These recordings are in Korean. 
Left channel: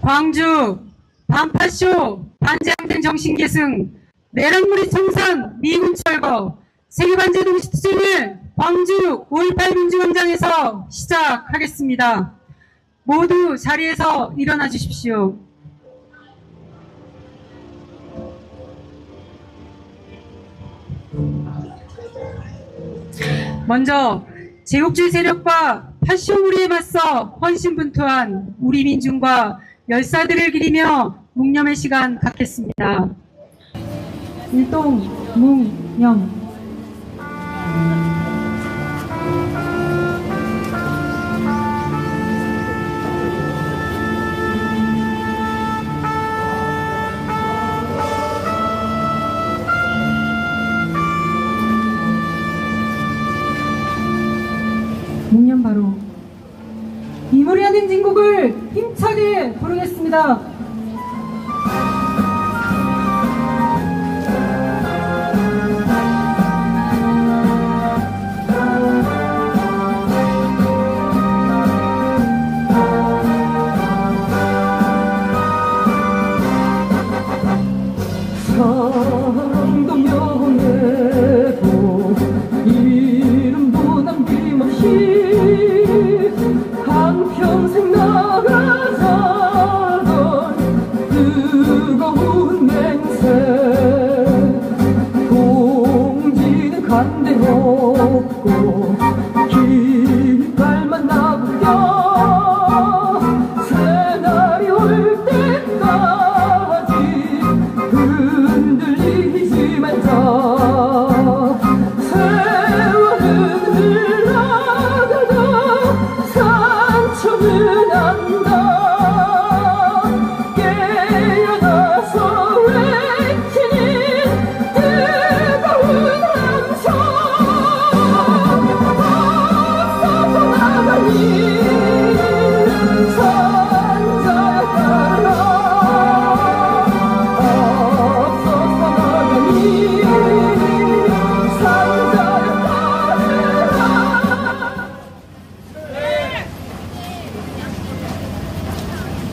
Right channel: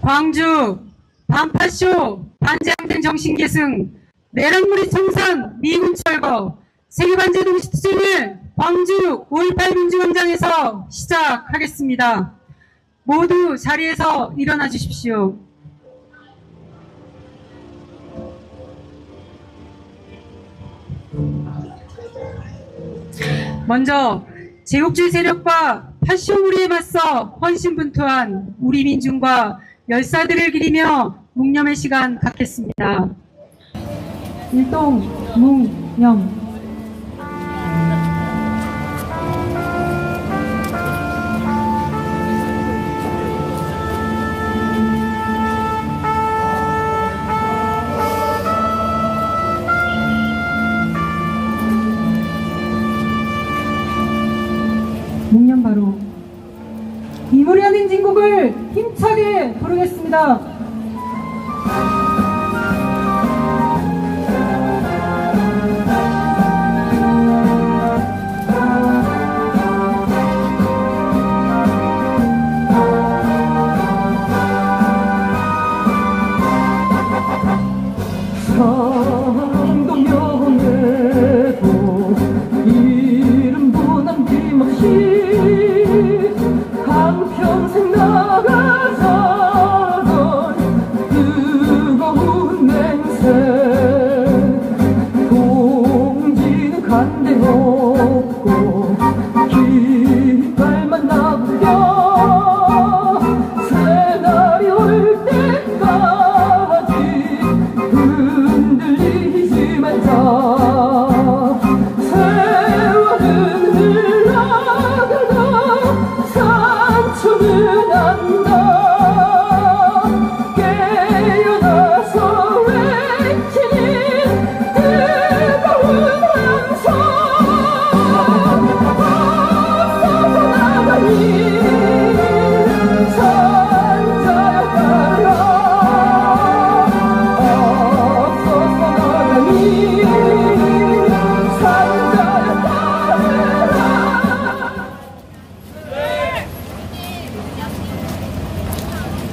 광주 반파쇼 반제항쟁 정신계승 내란무리 청산 미군 철거 세계반제 동시투쟁을 광주 5.18 민주광장에서 시작하겠습니다. 모두 자리에서 일어나 주십시오. 먼저 제국주의 세력과 파쇼무리에 맞서 헌신분투한 우리 민중과 열사들을 기리며 묵념의 시간 갖겠습니다. 일동 묵념. 묵념 바로 이무리한 행진곡을 힘차게 부르겠습니다.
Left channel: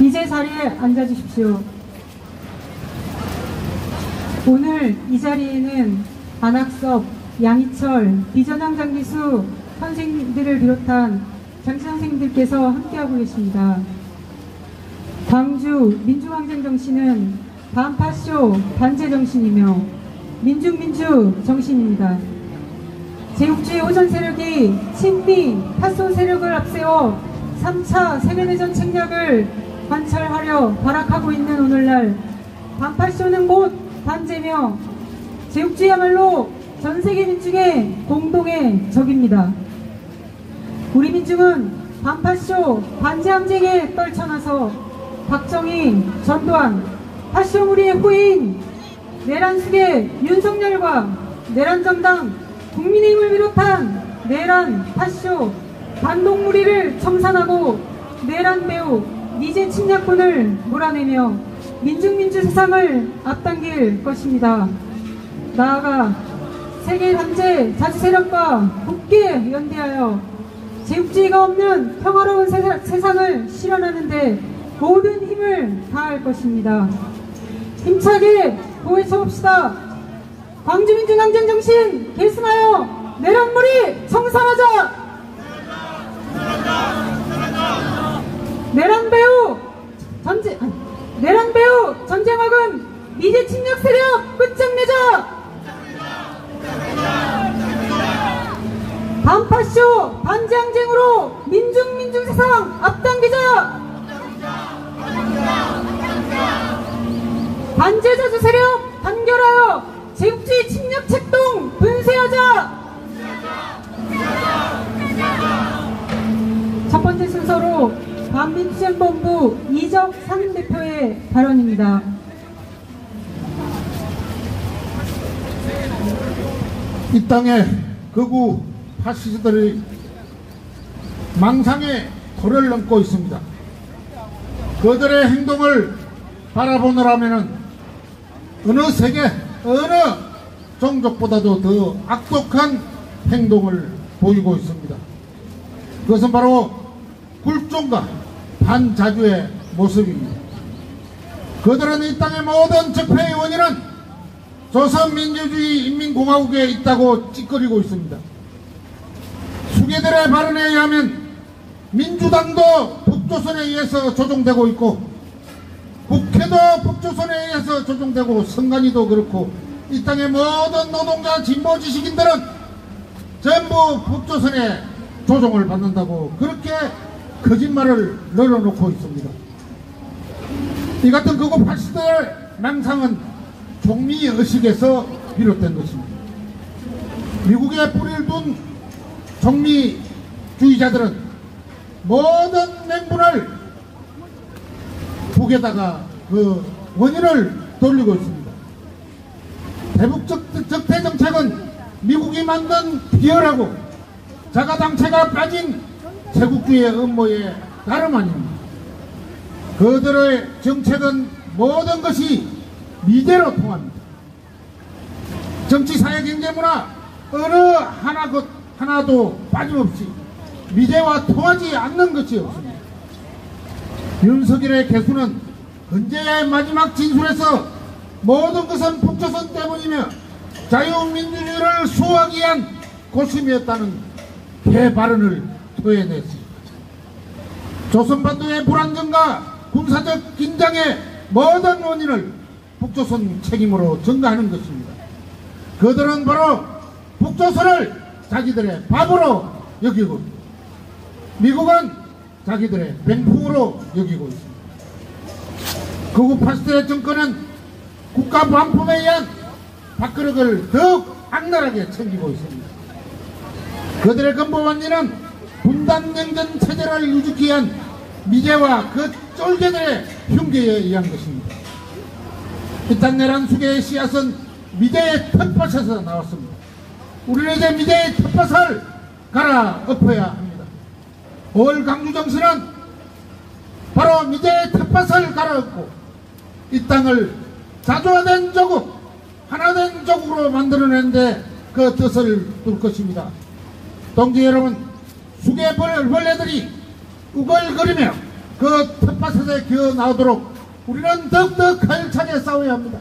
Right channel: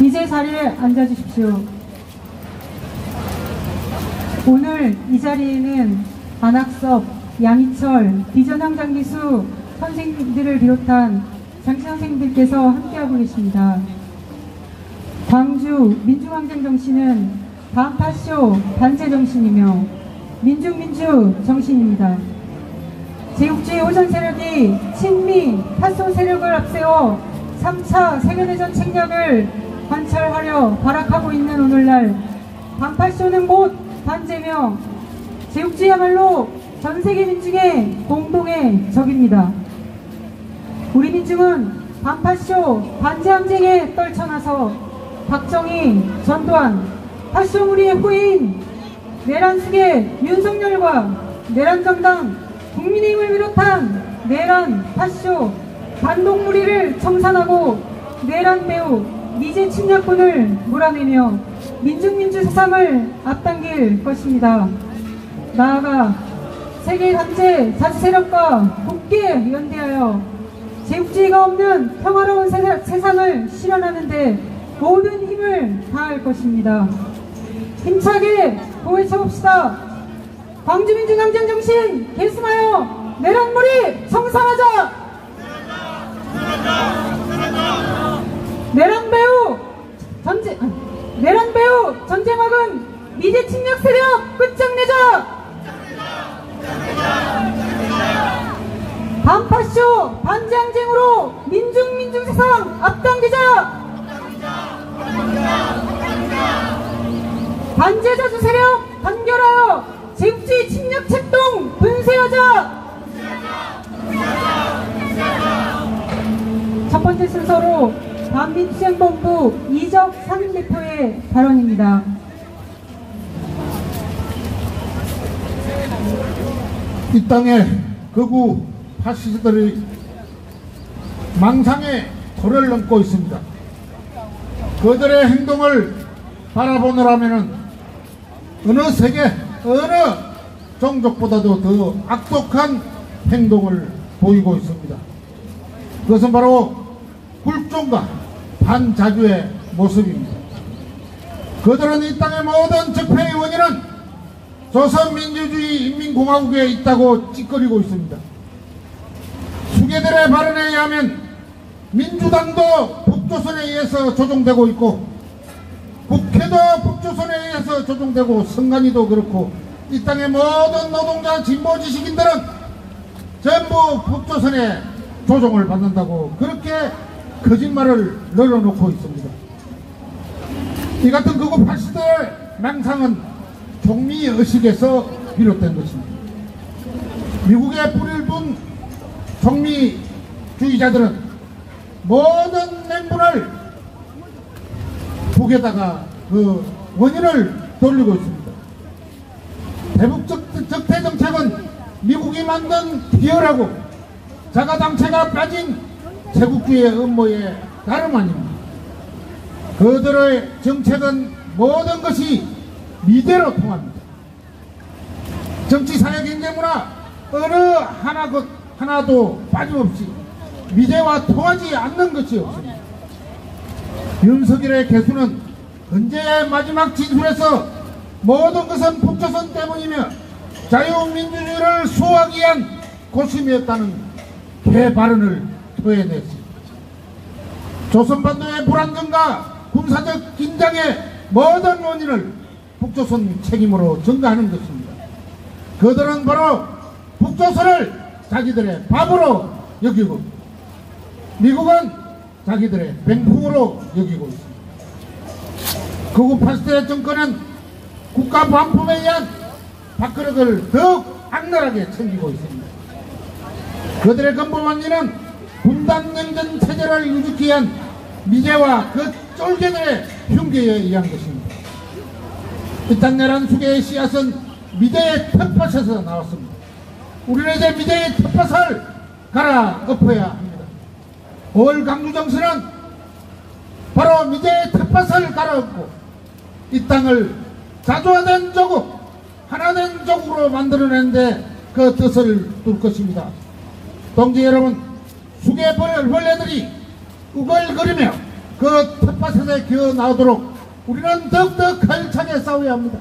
이제 자리에 앉아주십시오. 오늘 이 자리에는 안학섭, 양희철, 비전형 장기수 선생님들을 비롯한 장치 선생님들께서 함께하고 계십니다. 광주 민주항쟁 정신은 반파쇼 반제 정신이며 민중민주 정신입니다. 제국주의 오전 세력이 친미, 파쇼 세력을 앞세워 3차 세계대전 책략을 관찰하려 발악하고 있는 오늘날 반파쇼는 곧 반제며 제국주의야말로 전세계 민중의 공동의 적입니다. 우리 민중은 반파쇼 반제항쟁에 떨쳐나서 박정희, 전두환, 파쇼무리의 후예인 내란숙의 윤석열과 내란정당 국민의힘을 비롯한 내란, 파쇼, 반동무리를 청산하고 내란 배후 미제 침략군을 몰아내며 민중민주 세상을 앞당길 것입니다. 나아가 세계 반제 자주 세력과 굳게 연대하여 제국주의가 없는 평화로운 세상을 실현하는 데 모든 힘을 다할 것입니다. 힘차게 고해쳐봅시다. 광주민중항쟁 정신 계승하여 내란무리 청산하자. 내란 배후 전쟁학은 미제 침략 세력 끝장내자. 반파쇼 반제항쟁으로 민중 세상 앞당기자. 반제자주 세력 단결하여 제국주의 침략 책동 분쇄하자. 첫 번째 순서로 반민수행본부 이적 상임대표의 발언입니다. 이 땅에 극우 파시스트들이 망상의 도를 넘고 있습니다. 그들의 행동을 바라보느라면 어느 세계 어느 종족보다도 더 악독한 행동을 보이고 있습니다. 그것은 바로 굴종과 반자주의 모습입니다. 그들은 이 땅의 모든 적폐의 원인은 조선민주주의 인민공화국에 있다고 찌꺼리고 있습니다. 수괴들의 발언에 의하면 민주당도 북조선에 의해서 조종되고 있고 국회도 북조선에 의해서 조종되고 선관위도 그렇고 이 땅의 모든 노동자 진보 지식인들은 전부 북조선에 조종을 받는다고 그렇게 거짓말을 늘어놓고 있습니다. 이 같은 극우 파시스트의 망상은 종미의식에서 비롯된 것입니다. 미국에 뿌리를 둔 종미주의자들은 모든 맹분을 북에다가 그 원인을 돌리고 있습니다. 대북 적대 정책은 미국이 만든 비열하고 자가당체가 빠진 제국주의의 음모에 다름 아닙니다. 그들의 정책은 모든 것이 미제로 통합니다. 정치, 사회, 경제, 문화 어느 하나도 빠짐없이 미제와 통하지 않는 것이 없습니다. 윤석열의 개수는 헌재의 마지막 진술에서 모든 것은 북조선 때문이며 자유민주주의를 수호하기 위한 고심이었다는 개발언을 토해냈습니다. 조선반도의 불안정과 군사적 긴장의 모든 원인을 북조선 책임으로 전가하는 것입니다. 그들은 바로 북조선을 자기들의 밥으로 여기고 미국은 자기들의 병풍으로 여기고 있습니다. 극우 파시스트의 정권은 국가 반품에 의한 밥그릇을 더욱 악랄하게 챙기고 있습니다. 그들의 근본 원인은 분단냉전 체제를 유지하기 위한 미제와 그 쫄개들의 흉계에 의한 것입니다. 이 땅 내란 수계의 씨앗은 미제의 텃밭에서 나왔습니다. 우리는 이제 미제의 텃밭을 갈아 엎어야 합니다. 5월 강주정신은 바로 미제의 텃밭을 갈아엎고 이 땅을 자주화된 조국, 하나된 조국으로 만들어내는데 그 뜻을 둘 것입니다. 동지 여러분, 수개 벌레들이 우글거리며 그 텃밭에서 기어 나오도록 우리는 더욱더 가열차게 싸워야 합니다.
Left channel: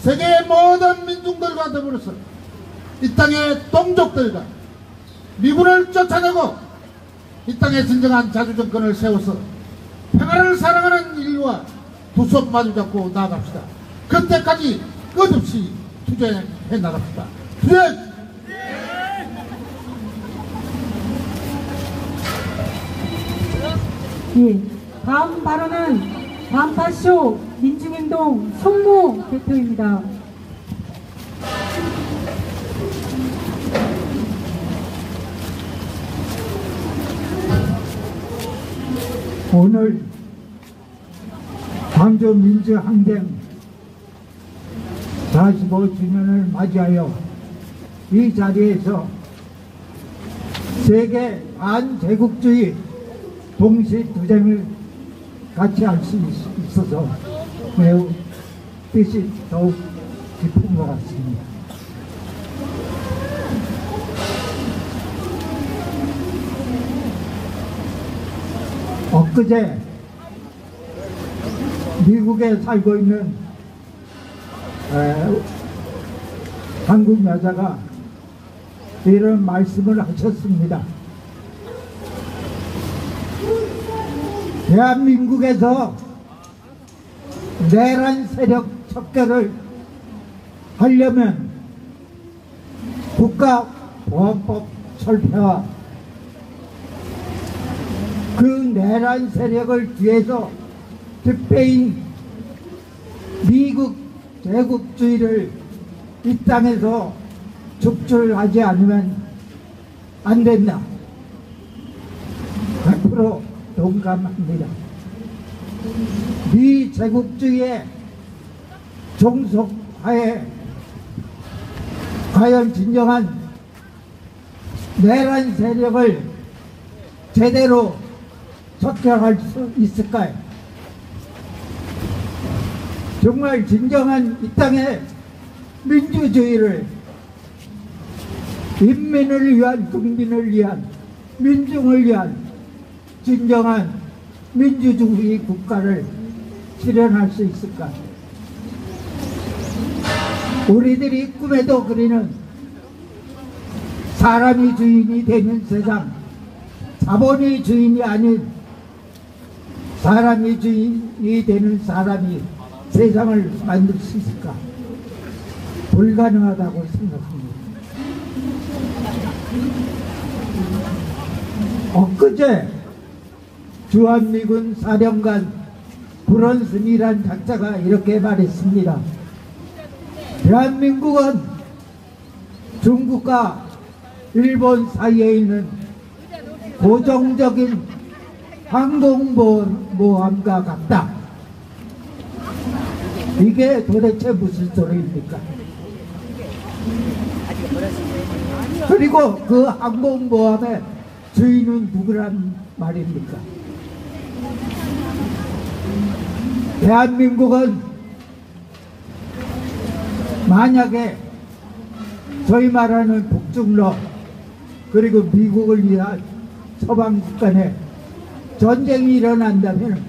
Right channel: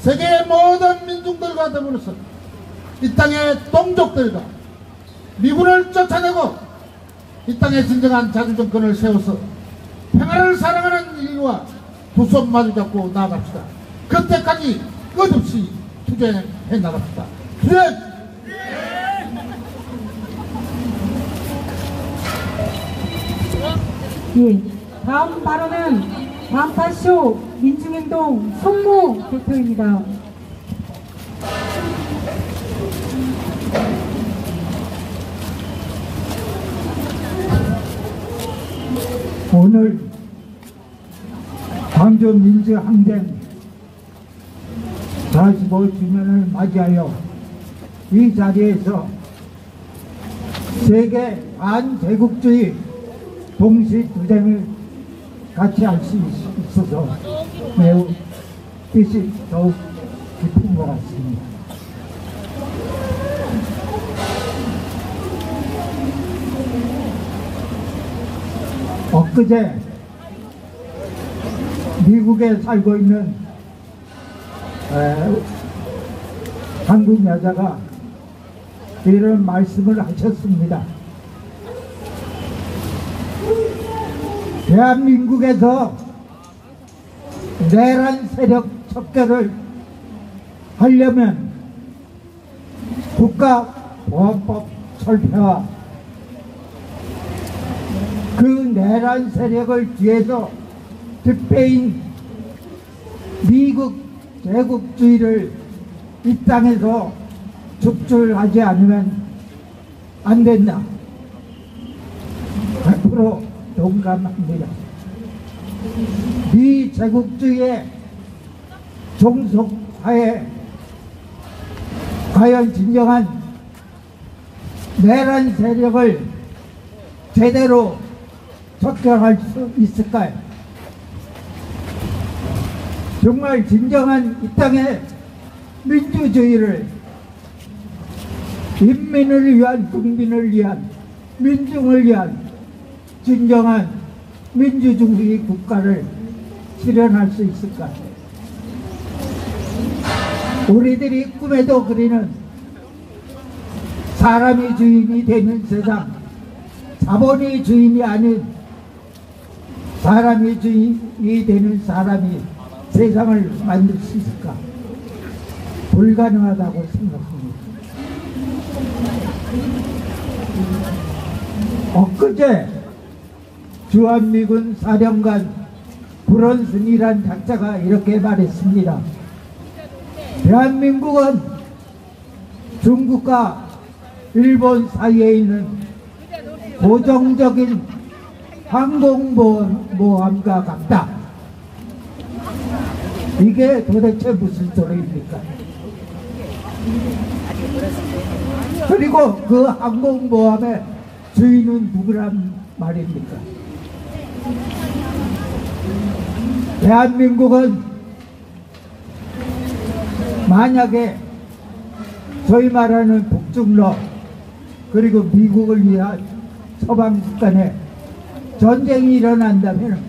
세계의 모든 민중들과 더불어서 이 땅의 동족들과 미군을 쫓아내고 이 땅에 진정한 자주정권을 세워서 평화를 사랑하는 인류와 두 손 마주잡고 나아갑시다. 그때까지 끝없이 투쟁해 나갑시다. 투쟁! 예, 다음 발언은 완파쇼 민중행동 손모 대표입니다. 오늘 광주 민주항쟁 45주년을 맞이하여 이 자리에서 세계 반제국주의 동시투쟁을 같이 할 수 있어서 매우 뜻이 더욱 깊은 것 같습니다. 엊그제 미국에 살고 있는 한국 여자가 이런 말씀을 하셨습니다. 대한민국에서 내란 세력 척결을 하려면 국가보안법 철폐와 그 내란 세력을 뒤에서 뒷배인 미국 제국주의를 이 땅에서 축출하지 않으면 안 된다. 100% 동감합니다. 미 제국주의의 종속하에 과연 진정한 내란 세력을 제대로 척결할 수 있을까요? 정말 진정한 이 땅의 민주주의를 인민을 위한, 국민을 위한, 민중을 위한 진정한 민주주의 국가를 실현할 수 있을까? 우리들이 꿈에도 그리는 사람이 주인이 되는 세상, 자본이 주인이 아닌 사람이 주인이 되는 사람이 세상을 만들 수 있을까? 불가능하다고 생각합니다. 엊그제 주한미군 사령관 브런슨이란 작자가 이렇게 말했습니다. 대한민국은 중국과 일본 사이에 있는 고정적인 항공모함과 같다. 이게 도대체 무슨 소리입니까? 그리고 그 항공모함의 주인은 누구란 말입니까? 대한민국은 만약에 저희 말하는 북중러 그리고 미국을 위한 서방 간에 전쟁이 일어난다면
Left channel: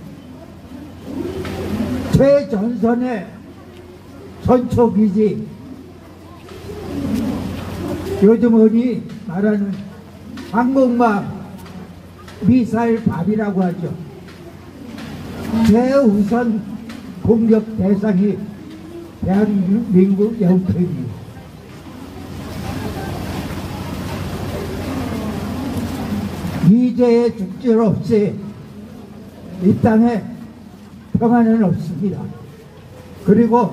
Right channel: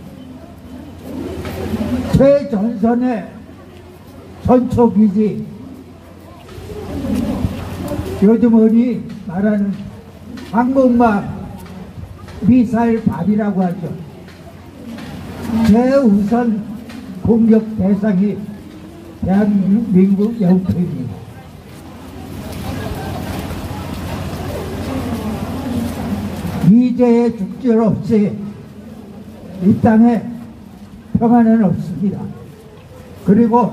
최전선의 전초기지, 요즘 흔히 말하는 항공모함 미사일 발이라고 하죠. 최우선 공격 대상이 대한민국 영토입니다. 이제의 죽질 없이 이 땅에 평화는 없습니다. 그리고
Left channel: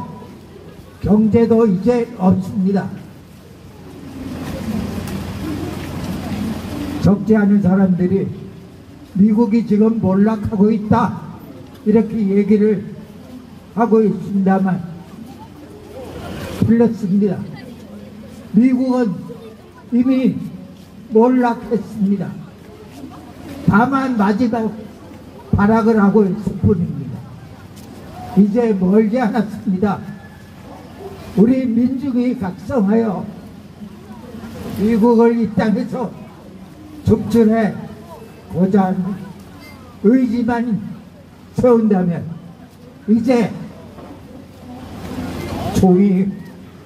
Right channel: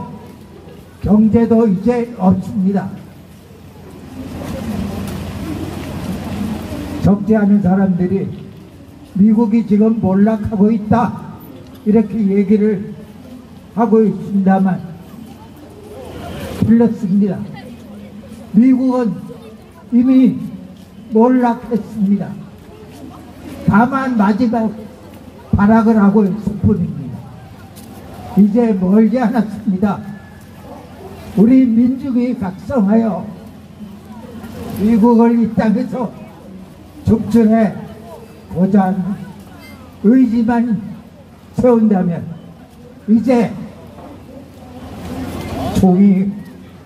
경제도 이제 없습니다. 적지 않은 사람들이 미국이 지금 몰락하고 있다 이렇게 얘기를 하고 있습니다만 틀렸습니다. 미국은 이미 몰락했습니다. 다만 마지막 발악을 하고 있을 뿐입니다. 이제 멀지 않았습니다. 우리 민중이 각성하여 미국을 이 땅에서 축출해 보자는 의지만 세운다면 이제 종이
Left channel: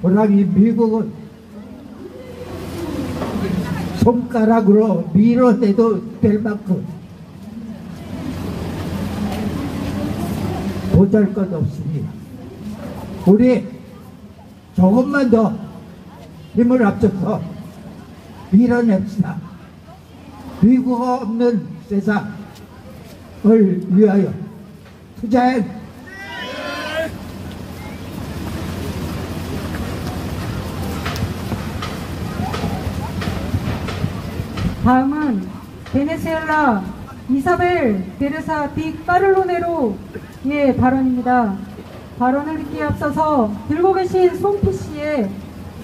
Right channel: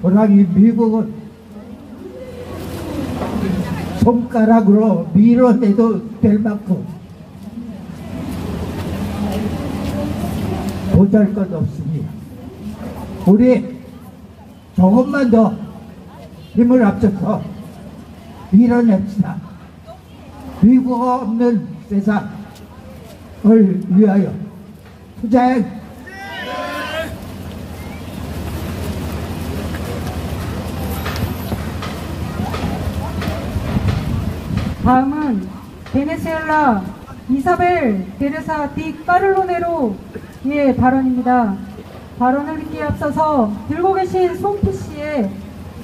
호랑이 미국은 손가락으로 밀어내도 될 만큼 보잘것없습니다. 우리 조금만 더 힘을 합쳐서 밀어냅시다. 미국 없는 세상을 위하여 투쟁! 다음은 베네수엘라 이사벨 테레사 디 까를로네로의 발언입니다. 발언을 듣기에 앞서서 들고 계신 송피 씨의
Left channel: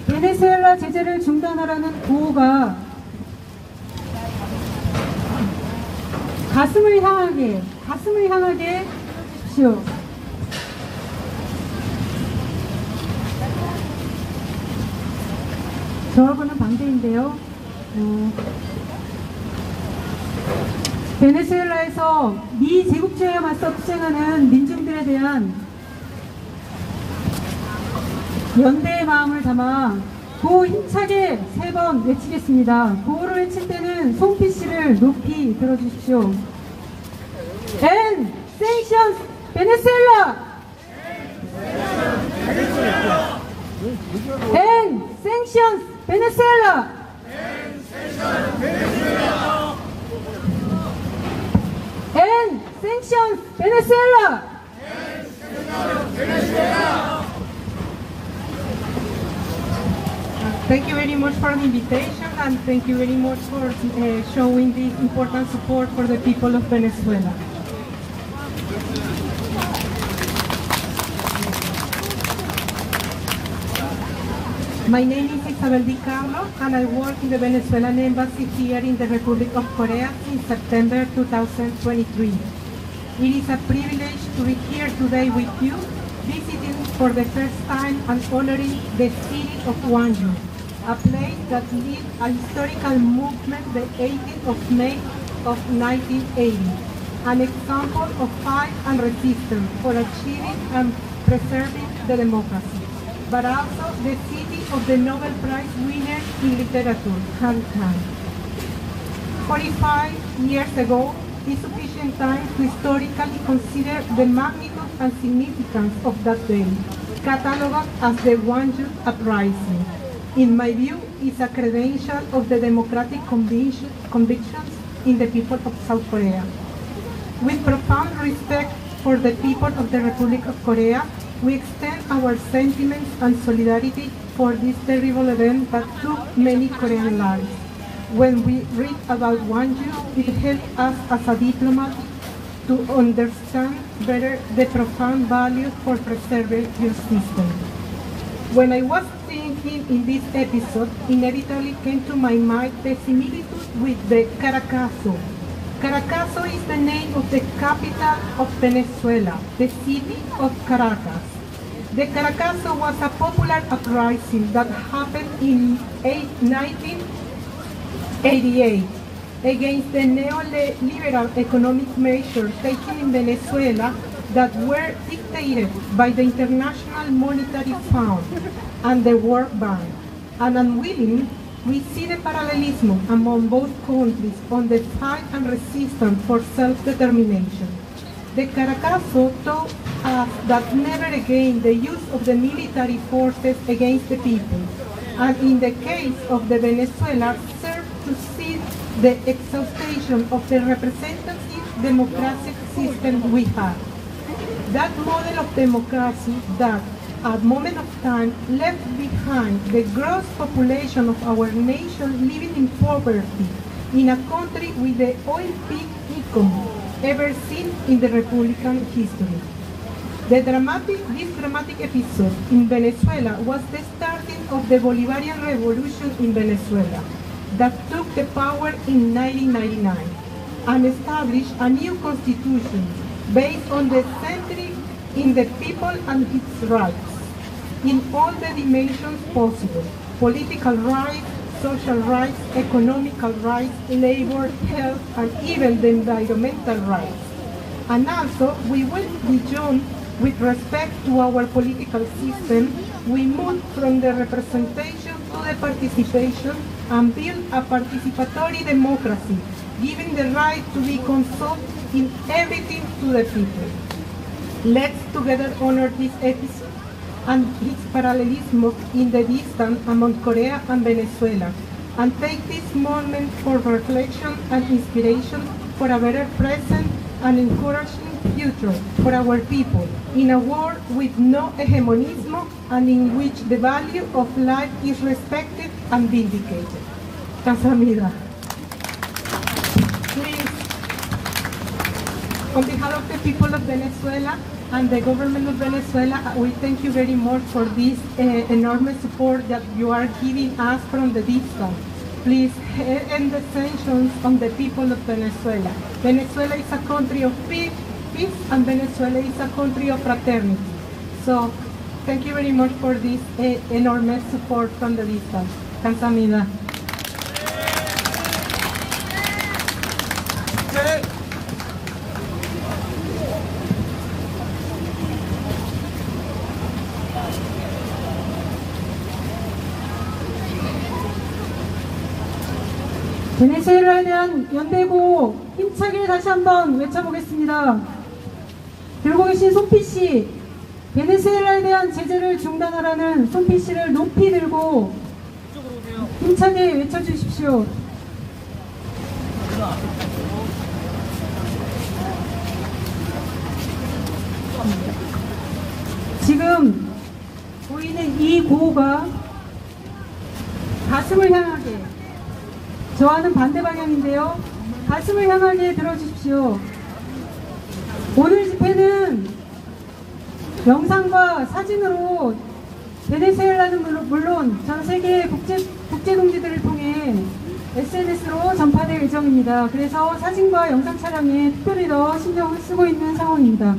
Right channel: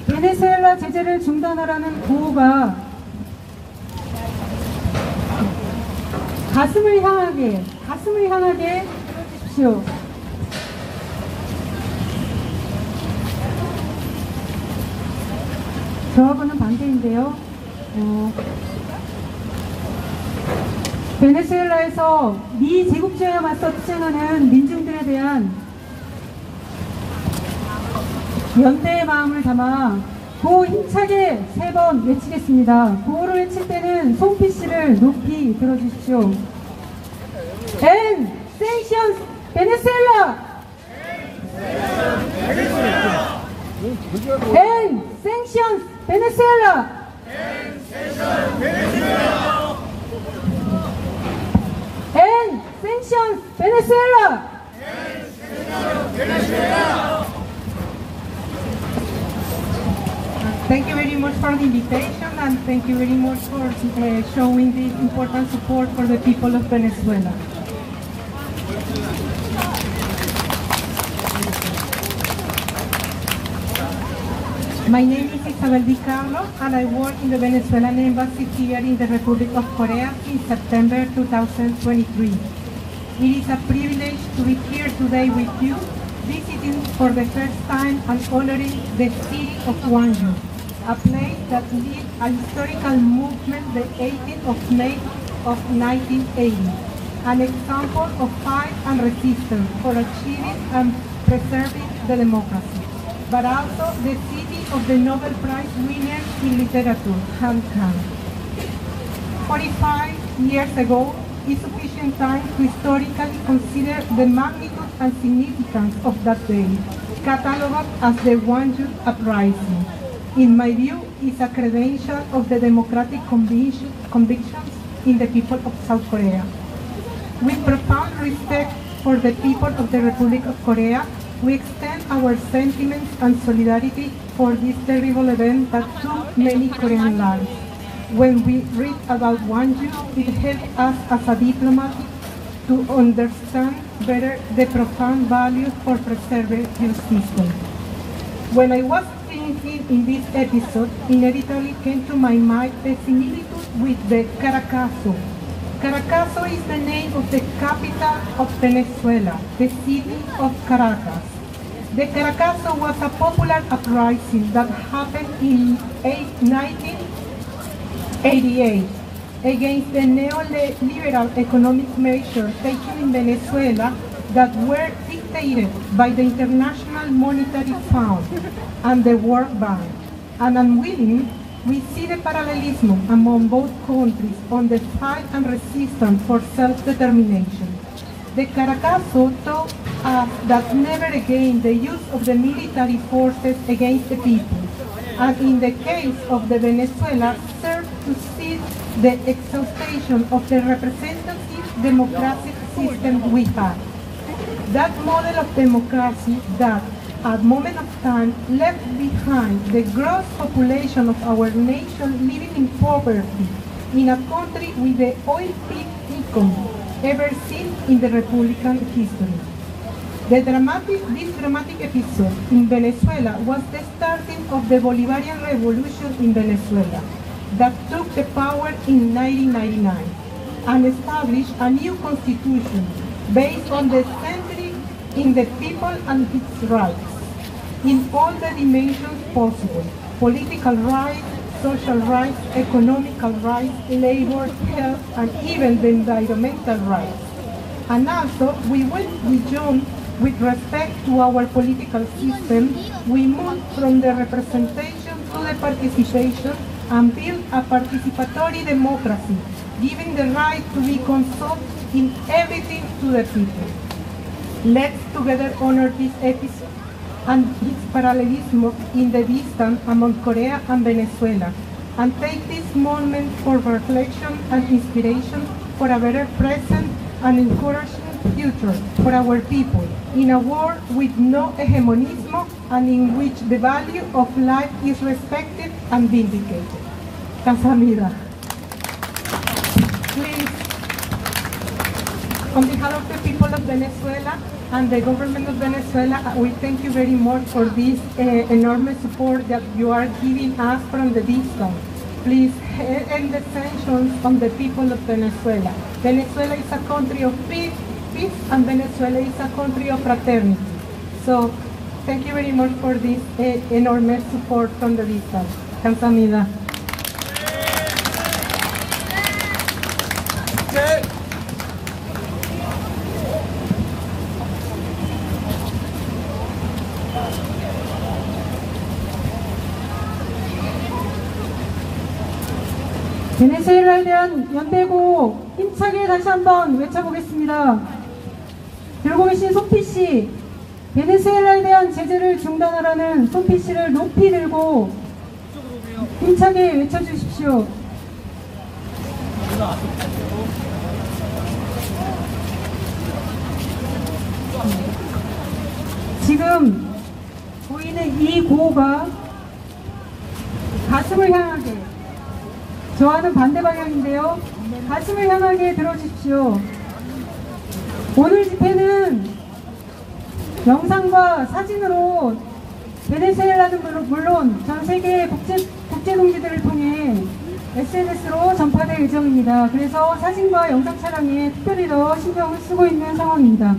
베네수엘라 제재를 중단하라는 구호가 가슴을 향하게 들어주십시오. 저하고는 반대인데요. 베네수엘라에서 미 제국주의에 맞서 투쟁하는 민중들에 대한 연대의 마음을 담아 구호 힘차게 3번 외치겠습니다. 구호를 외칠 때는 송피 씨를 높이 들어주십시오. En sanctions Venezuela! En sanctions Venezuela! En sanctions Venezuela! Thank you very much for the invitation, and thank you very much for showing this important support for the people of Venezuela. My name is Isabel Di Carlos, and I work in the Venezuelan Embassy here in the Republic of Korea since September 2023. It is a privilege to be here today with you, visiting for the first time and honoring the city of Gwangju, a place that lived a historical movement the 18th of May of 1980. an example of fight and resistance for achieving and preserving the democracy, but also the city of the Nobel Prize winner in literature, Han Kang. 45 years ago is sufficient time to historically consider the magnitude and significance of that day, cataloged as the Gwangju Uprising. In my view, is a credential of the democratic convictions in the people of South Korea. With profound respect for the people of the Republic of Korea, we extend our sentiments and solidarity for this terrible event that took many Korean lives. When we read about Gwangju, it helps us as a diplomat to understand better the profound value for preserving your system. When I was thinking in this episode, inevitably came to my mind the similitude with the Caracazo. Caracazo is the name of the capital of Venezuela, the city of Caracas. The Caracazo was a popular uprising that happened in 1988 against the neoliberal economic measures taken in Venezuela that were dictated by the International Monetary Fund and the World Bank. And unwillingly, we see the parallelism among both countries on the fight and resistance for self-determination. The Caracazo taught us that never again the use of the military forces against the people, and in the case of the Venezuela, served to seize the exhaustion of the representative democratic system we had. That model of democracy that, at moment of time, left behind the gross population of our nation living in poverty in a country with the oil-peak economy ever seen in the Republican history. This dramatic episode in Venezuela was the starting of the Bolivarian Revolution in Venezuela that took the power in 1999 and established a new constitution based on the centering in the people and its rights in all the dimensions possible: political rights, social rights, economical rights, labor, health, and even the environmental rights. And also, we went beyond with respect to our political system. We moved from the representation to the participation and built a participatory democracy, giving the right to be consulted in everything to the people. Let's together honor this episode and its parallelism in the distance among Korea and Venezuela, and take this moment for reflection and inspiration for a better present and encouraging future for our people in a world with no hegemonism and in which the value of life is respected and vindicated. Kamsahamnida. Please, on behalf of the people of Venezuela and the government of Venezuela, we thank you very much for this enormous support that you are giving us from the distance. Please end the sanctions on the people of Venezuela. Venezuela is a country of peace, and Venezuela is a country of fraternity. So, thank you very much for this enormous support from the distance. Kamsahamnida. Okay. 베네수엘라에 대한 연대고 힘차게 다시 한번 외쳐보겠습니다. 들고 계신 손피씨, 베네수엘라에 대한 제재를 중단하라는 손피씨를 높이 들고 힘차게 외쳐주십시오. 지금 보이는 이 구호가 가슴을 향하게, 저와는 반대 방향인데요. 가슴을 향하게 들어주십시오. 오늘 집회는 영상과 사진으로 베네수엘라는 물론 전 세계 국제동지들을 통해 SNS로 전파될 예정입니다. 그래서 사진과 영상 촬영에 특별히 더 신경을 쓰고 있는 상황입니다.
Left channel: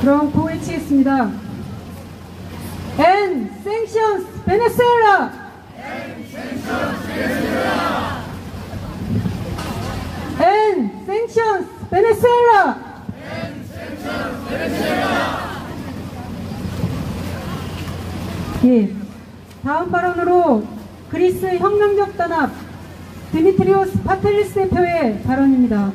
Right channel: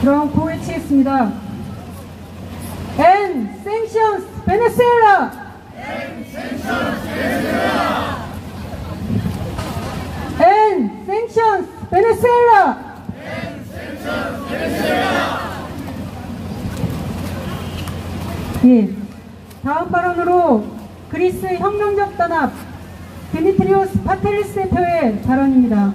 그럼 고외치겠습니다. End sanctions Venezuela! End sanctions Venezuela! and sanctions Venezuela. 예, 다음 발언으로 그리스 혁명적 단합 디미트리오스 파텔리스 대표의 발언입니다.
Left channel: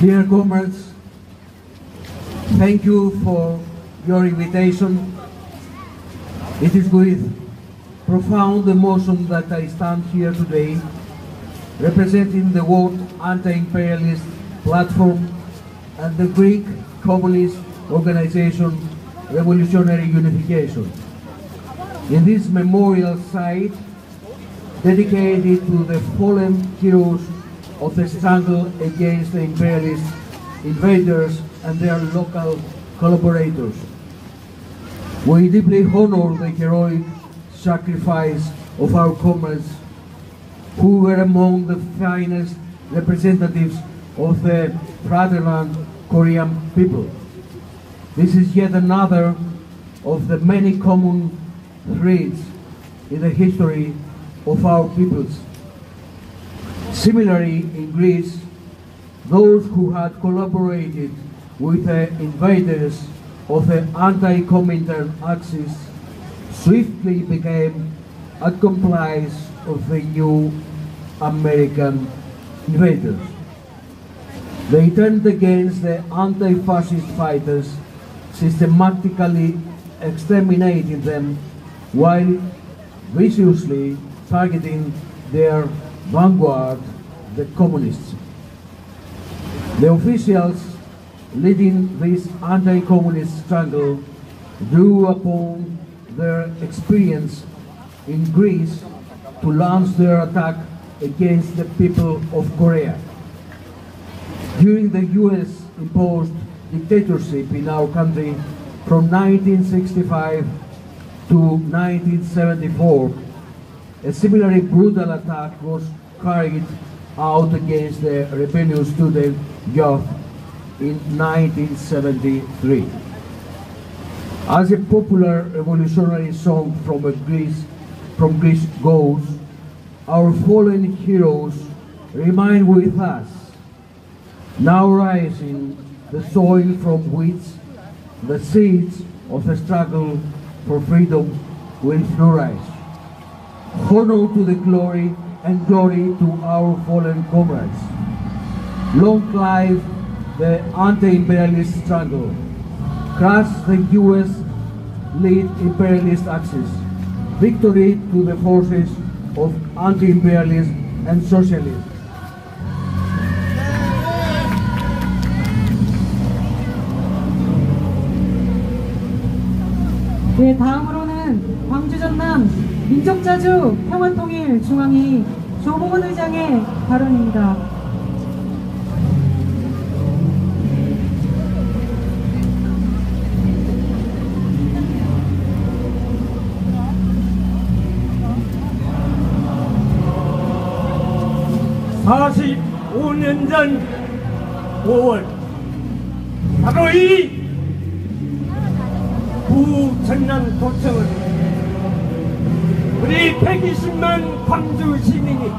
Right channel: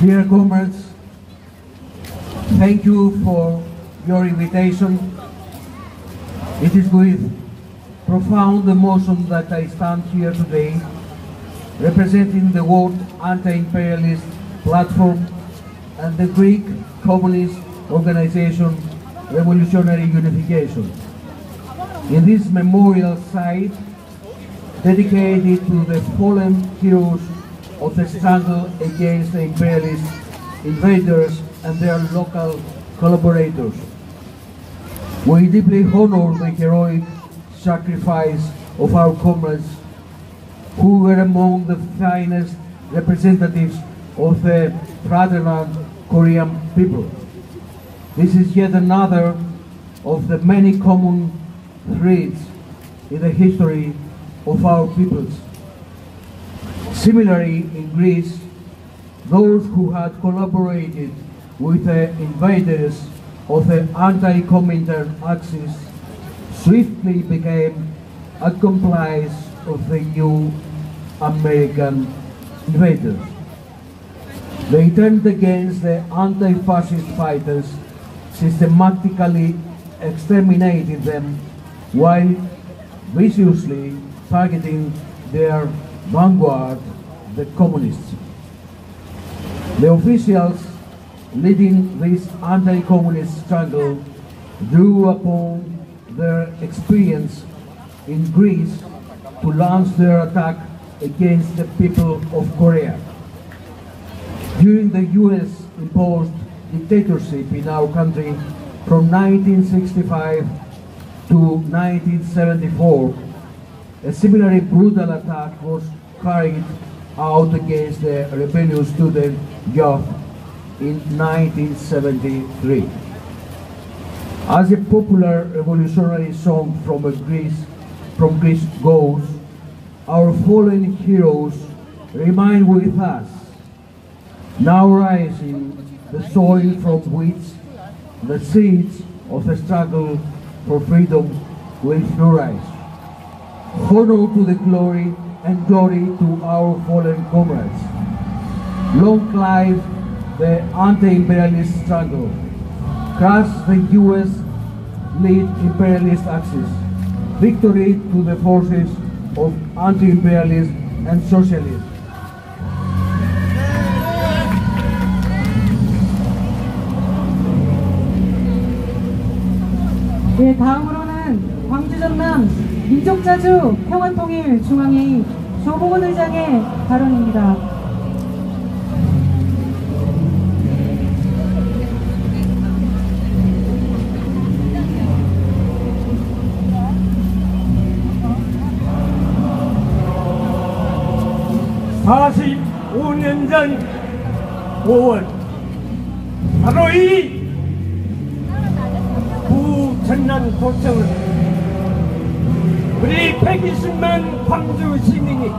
Dear comrades, thank you for your invitation. It is with profound emotion that I stand here today, representing the World Anti-Imperialist Platform and the Greek Communist Organization Revolutionary Unification. In this memorial site, dedicated to the fallen heroes of the struggle against the imperialist invaders and their local collaborators. We deeply honor the heroic sacrifice of our comrades who were among the finest representatives of the fatherland Korean people. This is yet another of the many common threads in the history of our peoples. Similarly, in Greece, those who had collaborated with the invaders of the anti-Comintern Axis swiftly became accomplices of the new American invaders. They turned against the anti-fascist fighters, systematically exterminating them while viciously targeting their vanguard, the communists. The officials leading this anti-communist struggle drew upon their experience in Greece to launch their attack against the people of Korea. During the US imposed dictatorship in our country from 1965 to 1974, a similarly brutal attack was carried out against the rebellious student youth in 1973. As a popular revolutionary song from Greece goes, our fallen heroes remain with us, now rising the soil from which the seeds of the struggle for freedom will flourish. Honor to the glory and glory to our fallen comrades. Long live the anti-imperialist struggle. Crush the US-led imperialist axis. Victory to the forces of anti-imperialism and socialism. 네, 다음으로는 광주 전남 민족자주 평화통일 중앙회의 조봉원 의장의 발언입니다. (45년) 전 5월 바로 이 부전남 고청은 우리 120만 광주 시민이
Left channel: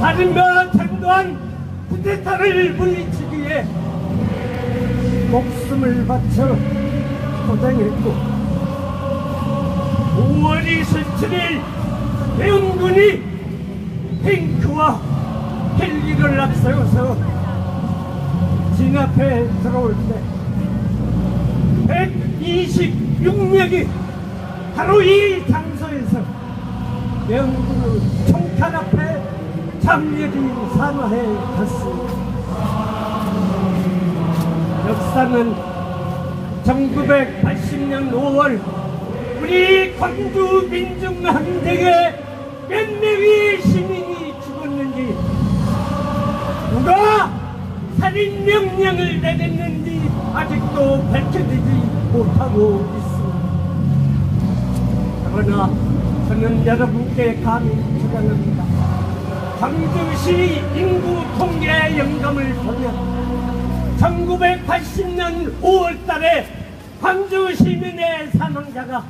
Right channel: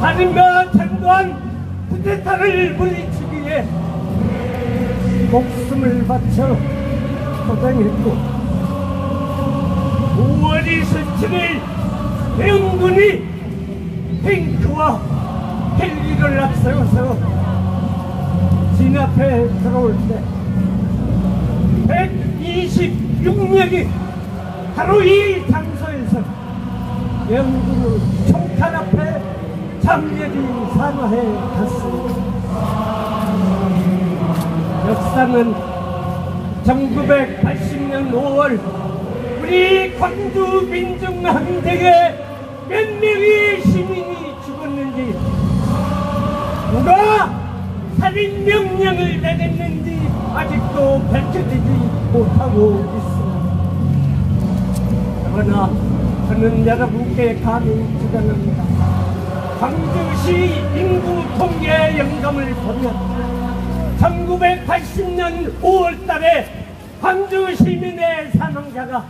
살인과 전두환 쿠데타를 물리치기 위해 목숨을 바쳐 고생했고 5월 27일 대응군이 탱크와 헬기를 앞세워서 진압해 들어올 때 126명이 바로 이 장소에서 영국의 총탄 앞에 장렬히 산화해 갔습니다. 역사는 1980년 5월 우리 광주 민중항쟁에 몇 명의 시민이 죽었는지 누가 살인 명령을 내렸는지 아직도 밝혀지지 못하고 있습니다. 그러나 저는 여러분께 감히 주장합니다. 광주시 인구 통계 영감을 보면 1980년 5월달에 광주 시민의 사망자가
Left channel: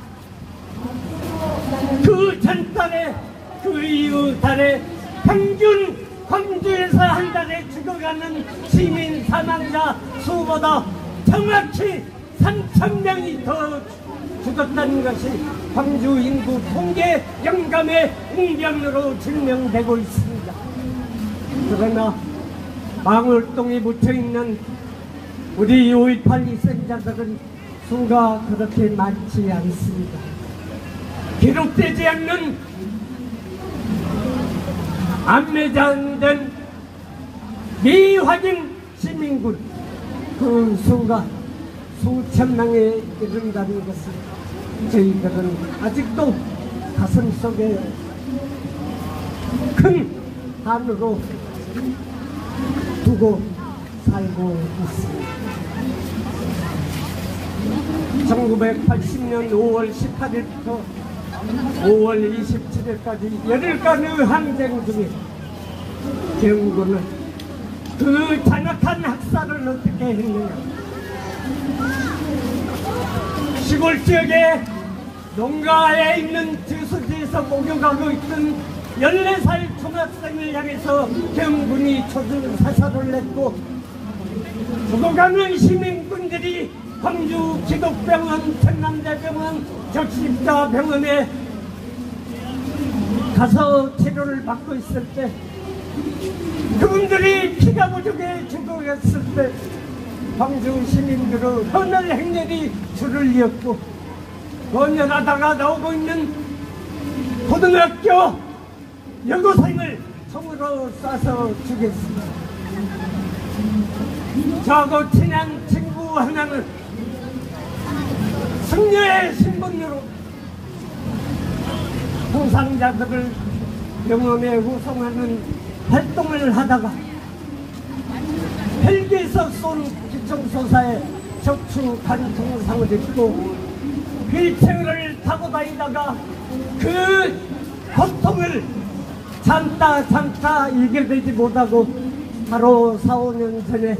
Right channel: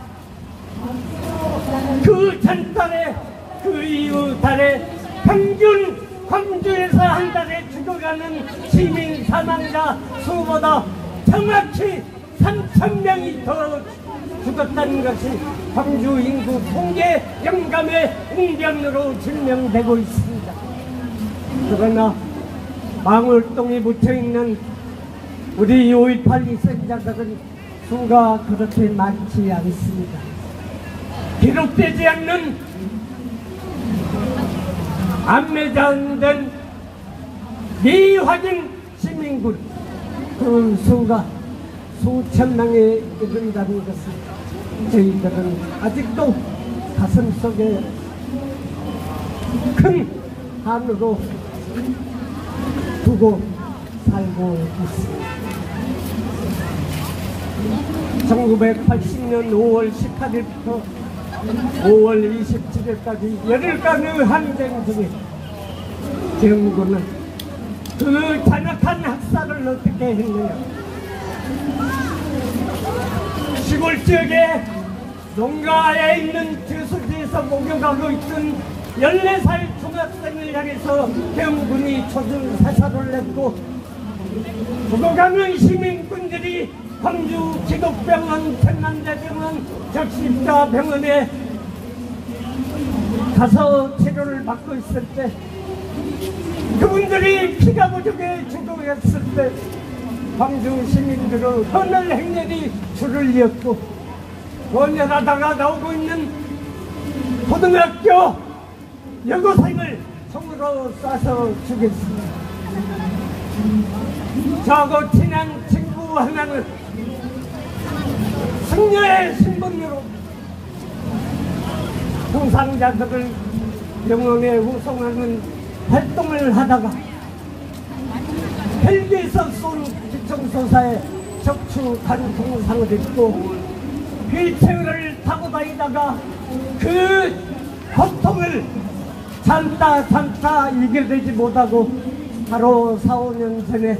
그 전달에 그 이후 달에 평균 광주에서 한 달에 죽어가는 시민 사망자 수보다 정확히 3,000명이 더 죽었다는 것이 광주 인구 통계 영감의 응견으로 증명되고 있습니다. 그러나 망월동에 묻혀있는 우리 5.18 희생자들은 수가 그렇게 많지 않습니다. 기록되지 않는 안매장된 미확인 시민군 그 수가 수천 명에 이른다는 것을 저희들은 아직도 가슴속에 큰 한으로 두고 살고 있습니다. 1980년 5월 18일부터 5월 27일까지 열흘간의 항쟁 중에 경군은 그 잔혹한 학살을 어떻게 했느냐. 시골 지역에 농가에 있는 저수지에서 목욕하고 있던 14살 중학생을 향해서 경군이 초등 사살을 했고 죽어가는 시민군들이 광주 기독병원, 천남대병원, 적십자병원에 가서 치료를 받고 있을 때 그분들이 피가 부족해 죽어갔을 때 광주 시민들의 헌혈 행렬이 줄을 이었고 헌혈하다가 나오고 있는 고등학교 여고생을 총으로 쏴서 죽였습니다. 저하고 친한 친구 하나는 승려의 신분으로 부상자들을 병원에 후송하는 활동을 하다가 헬기에서 쏜 기총소사에 척추 관통상을 입고 휠체어를 타고 다니다가 그 고통을 참다 이겨내지 못하고 바로 4, 5년 전에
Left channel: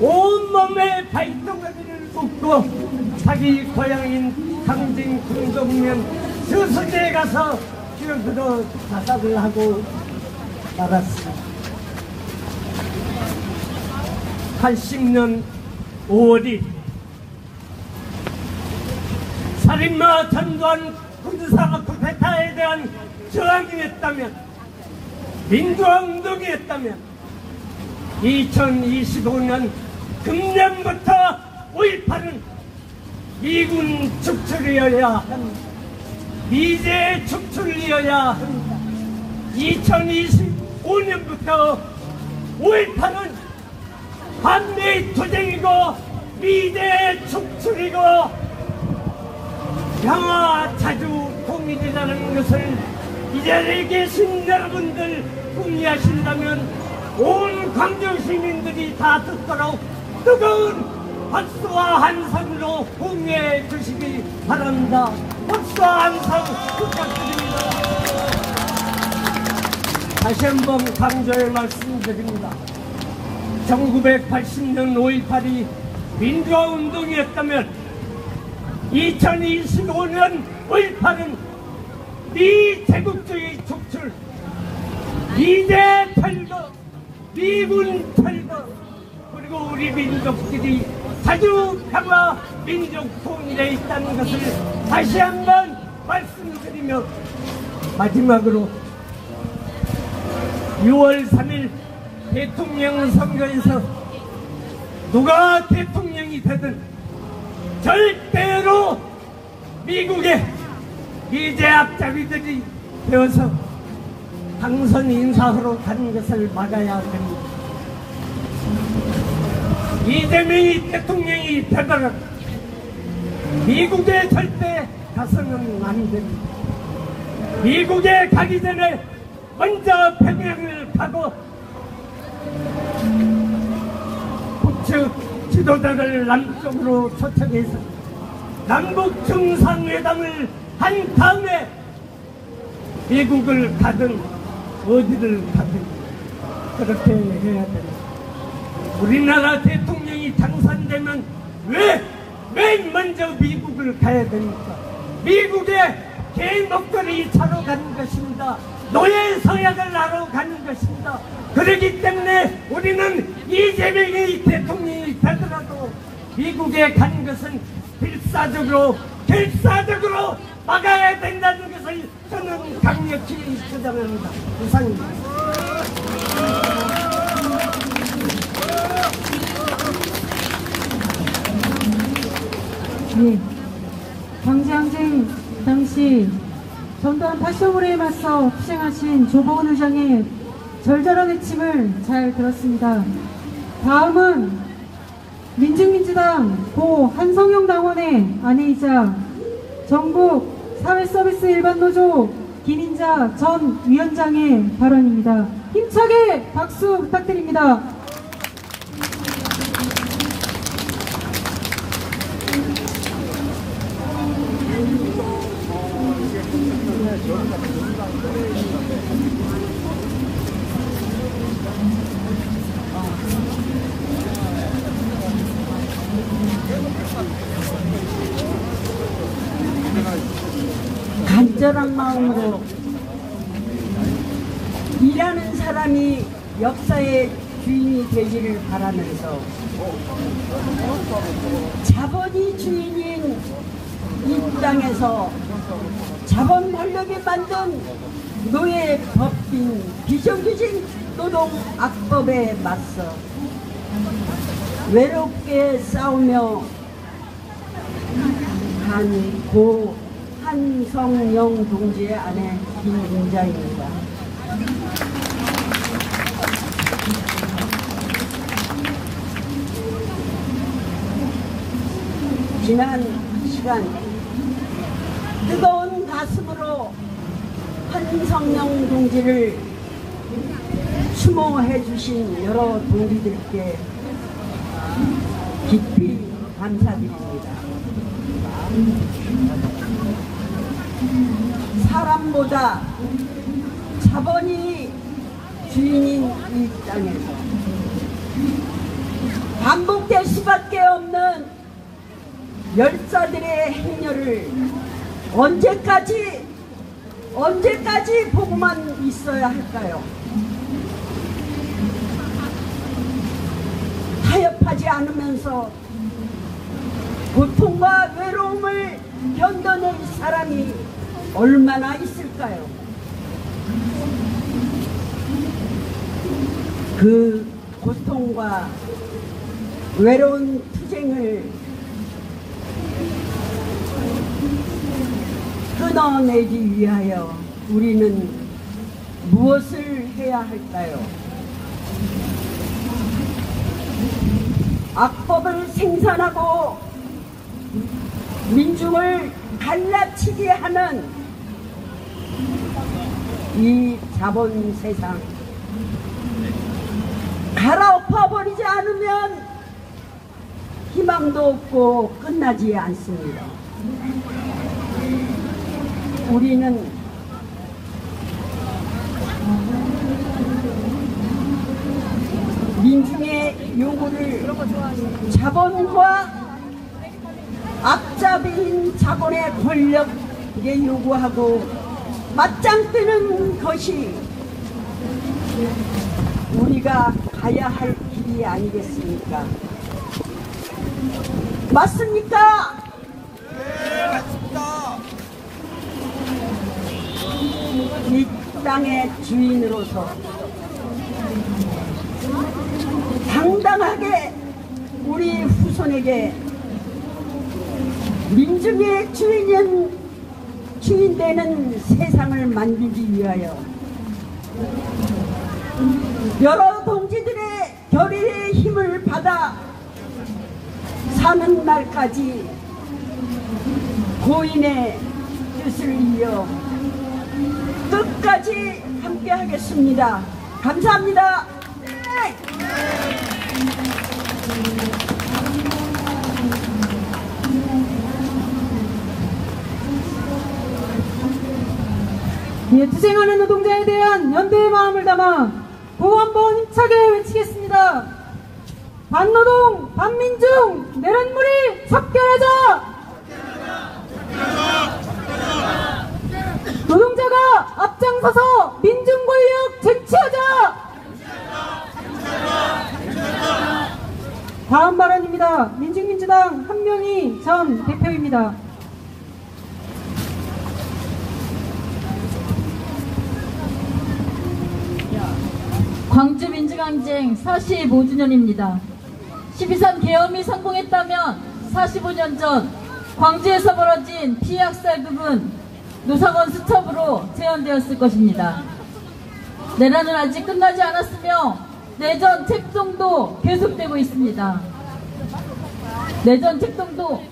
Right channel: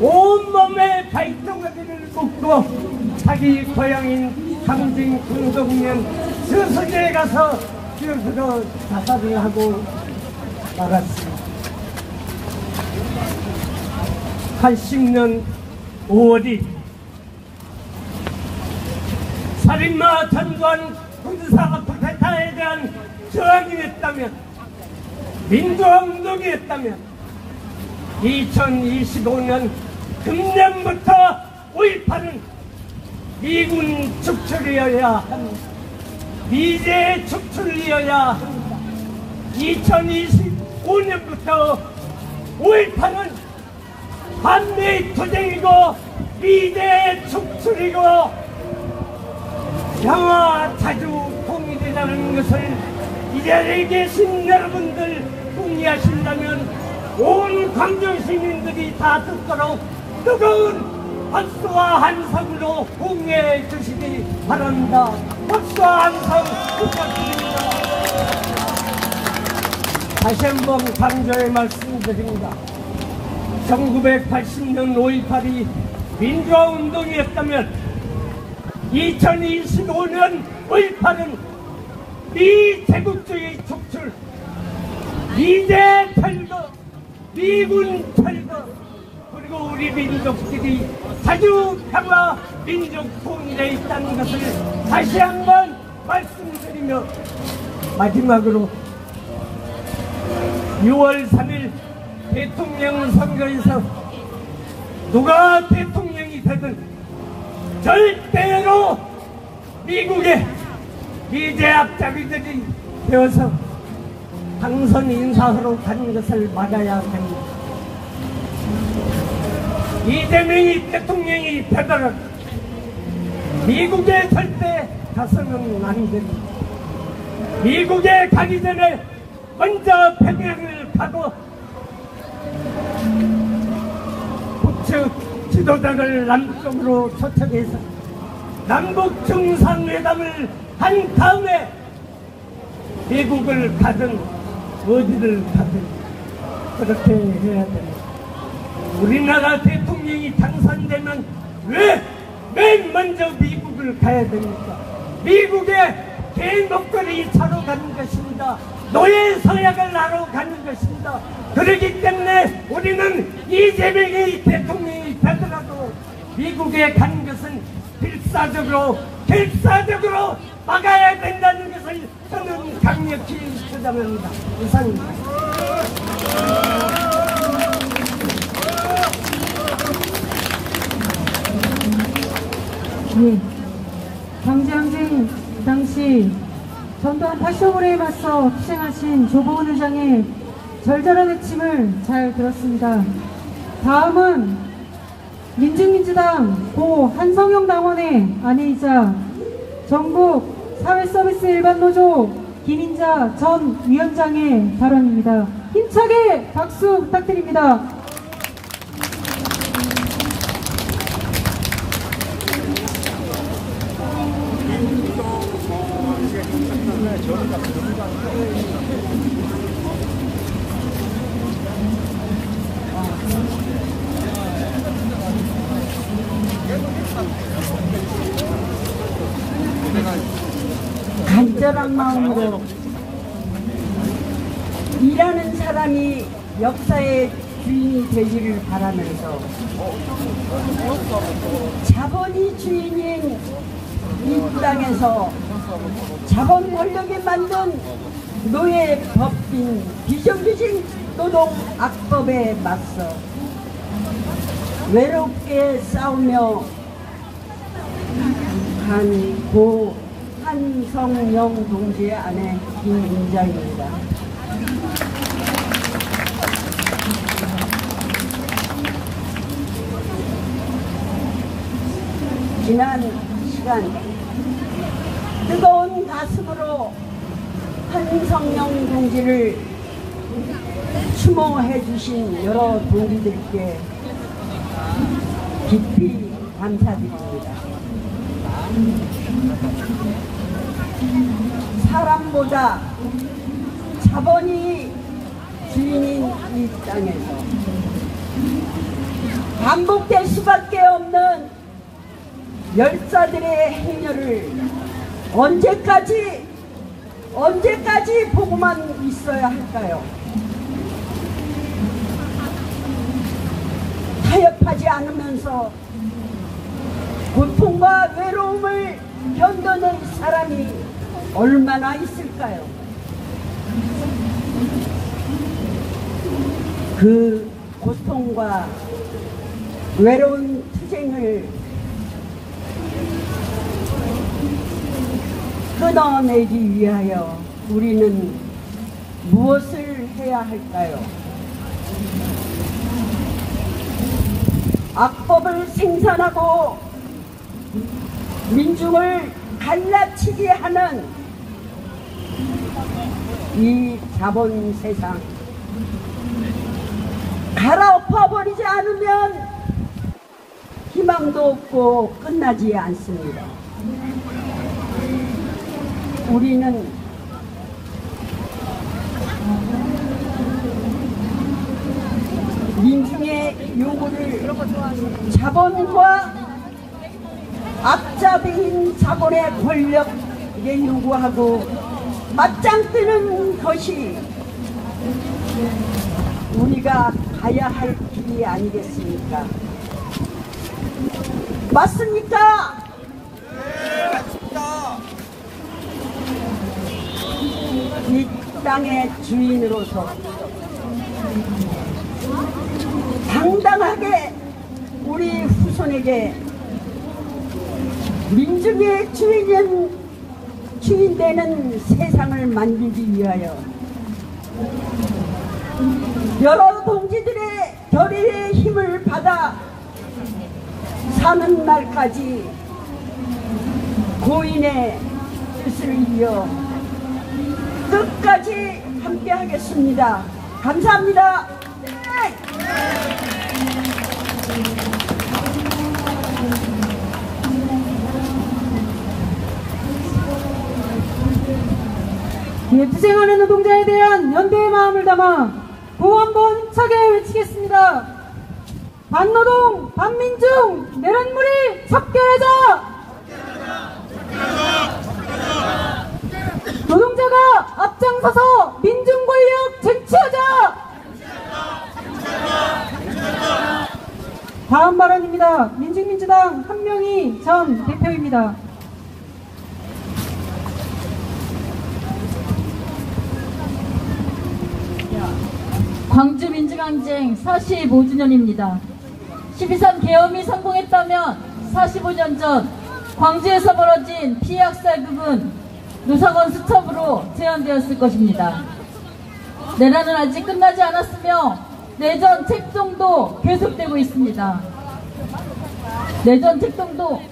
온몸에 발동아리를 묶고 자기 고향인 강진 공동면 저수지에 가서 뛰어들어 자살을 하고 말았습니다. 80년 5월이 살인마 전두환 군사 쿠데타에 대한 저항이었다면, 민주화운동이었다면 2025년 금년부터 5.18은 미군 축출이어야 합니다. 미제 축출이어야 합니다. 2025년부터 5.18은 반미 투쟁이고 미제 축출이고 평화 자주 통일이라는 것을 이 자리에 계신 여러분들 동의하신다면 온 광주 시민들이 다 듣도록 뜨거운 박수와 함성으로 공유해 주시기 바랍니다. 박수와 함성 부탁드립니다. 다시 한번 강조해 말씀드립니다. 1980년 5.18이 민주화운동이었다면 2025년 5.18은 미제국주의 축출, 미제 철거, 미군 철거, 그리고 우리 민족들이 자주 평화 민족 통일에 있다는 것을 다시 한번 말씀드리며 마지막으로 6월 3일 대통령 선거에서 누가 대통령이 되든 절대로 미국의 미제 앞잡이들이 되어서 당선 인사하러 가는 것을 막아야 됩니다. 이재명이 대통령이 되더라도 미국에 절대 가서는 안 됩니다. 미국에 가기 전에 먼저 평양을 가고 북측 지도자를 남쪽으로 초청해서 남북 정상회담을 한 다음에 미국을 가든 어디를 가든 그렇게 해야 된다. 우리나라 대통령이 당선되면 왜 먼저 미국을 가야 됩니까? 미국에 개인목걸이 차로 가는 것입니다. 노예 서약을 하러 가는 것입니다. 그렇기 때문에 우리는 이재명이 대통령이 되더라도 미국에 가는 것은 필사적으로 결사적으로 막아야 된다는 것을 저는 강력히 주장합니다. 이상입니다. 예, 광주항쟁 당시 전두환 파쇼물에 맞서 희생하신 조봉은 의장의 절절한 외침을 잘 들었습니다. 다음은 민중민주당 고 한성영 당원의 아내이자 전국 사회서비스 일반노조 김인자 전 위원장의 발언입니다. 힘차게 박수 부탁드립니다. 간절한 마음으로 일하는 사람이 역사의 주인이 되기를 바라면서 자본이 주인인 이 땅에서 자본 권력이 만든 노예 법인 비정규직 노동 악법에 맞서 외롭게 싸우며 간 고 한성영 동지의 아내 김인자입니다. 지난 시간 뜨거운 가슴으로 한성영 동지를 추모해 주신 여러 동지들께 깊이 감사드립니다. 사람보다 자본이 주인인 이 땅에서 반복될 수밖에 없는 열사들의 행렬을 언제까지 보고만 있어야 할까요? 타협하지 않으면서 고통과 외로움을 견뎌낼 사람이 얼마나 있을까요? 그 고통과 외로운 투쟁을 끊어내기 위하여 우리는 무엇을 해야 할까요? 악법을 생산하고 민중을 갈라치게 하는 이 자본 세상 갈아엎어버리지 않으면 희망도 없고 끝나지 않습니다. 우리는 민중의 요구를 자본과 악자비인 자본의 권력에 요구하고 맞짱뜨는 것이 우리가 가야 할 길이 아니겠습니까? 맞습니까? 네, 맞습니다. 이 땅의 주인으로서 당당하게 우리 후손에게 민중의 주인 되는 세상을 만들기 위하여 여러 동지들의 결의의 힘을 받아 사는 날까지 고인의 뜻을 이어 끝까지 함께 하겠습니다. 감사합니다. 예, 투쟁하는 노동자에 대한 연대의 마음을 담아 구호 한번 힘차게 외치겠습니다. 반노동, 반민중, 내란무리 척결하자! 노동자가 앞장서서 민중권력 쟁취하자! 다음 발언입니다. 민중민주당 한명희 전 대표입니다. 광주 민주항쟁 45주년입니다. 12.3 계엄이 성공했다면 45년 전 광주에서 벌어진 피해 학살극은 노사관 수첩으로 재현되었을 것입니다. 내란은 아직 끝나지 않았으며 내전 책동도 계속되고 있습니다. 내전 책동도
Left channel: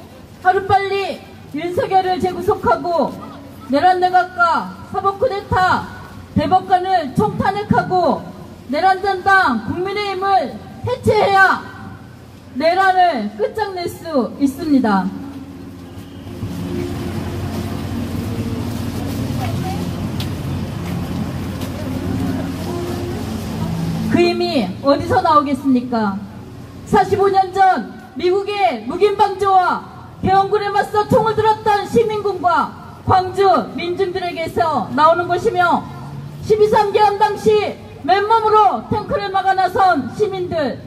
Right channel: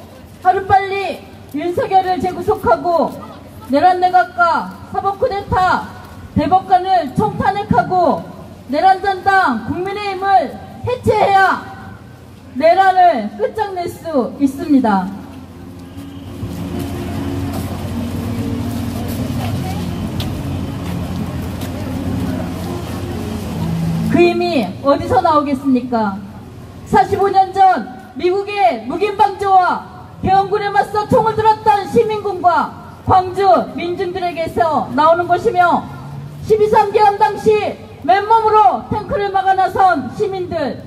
하루빨리 윤석열을 재구속하고 내란 내각과 사법쿠데타 대법관을 총탄핵하고 내란전당 국민의힘을 해체해야 내란을 끝장낼 수 있습니다. 그 힘이 어디서 나오겠습니까? 45년 전 미국의 묵인방조와 계엄군에 맞서 총을 들었던 시민군과 광주 민중들에게서 나오는 것이며 12.3 계엄 당시 맨몸으로 탱크를 막아 나선 시민들,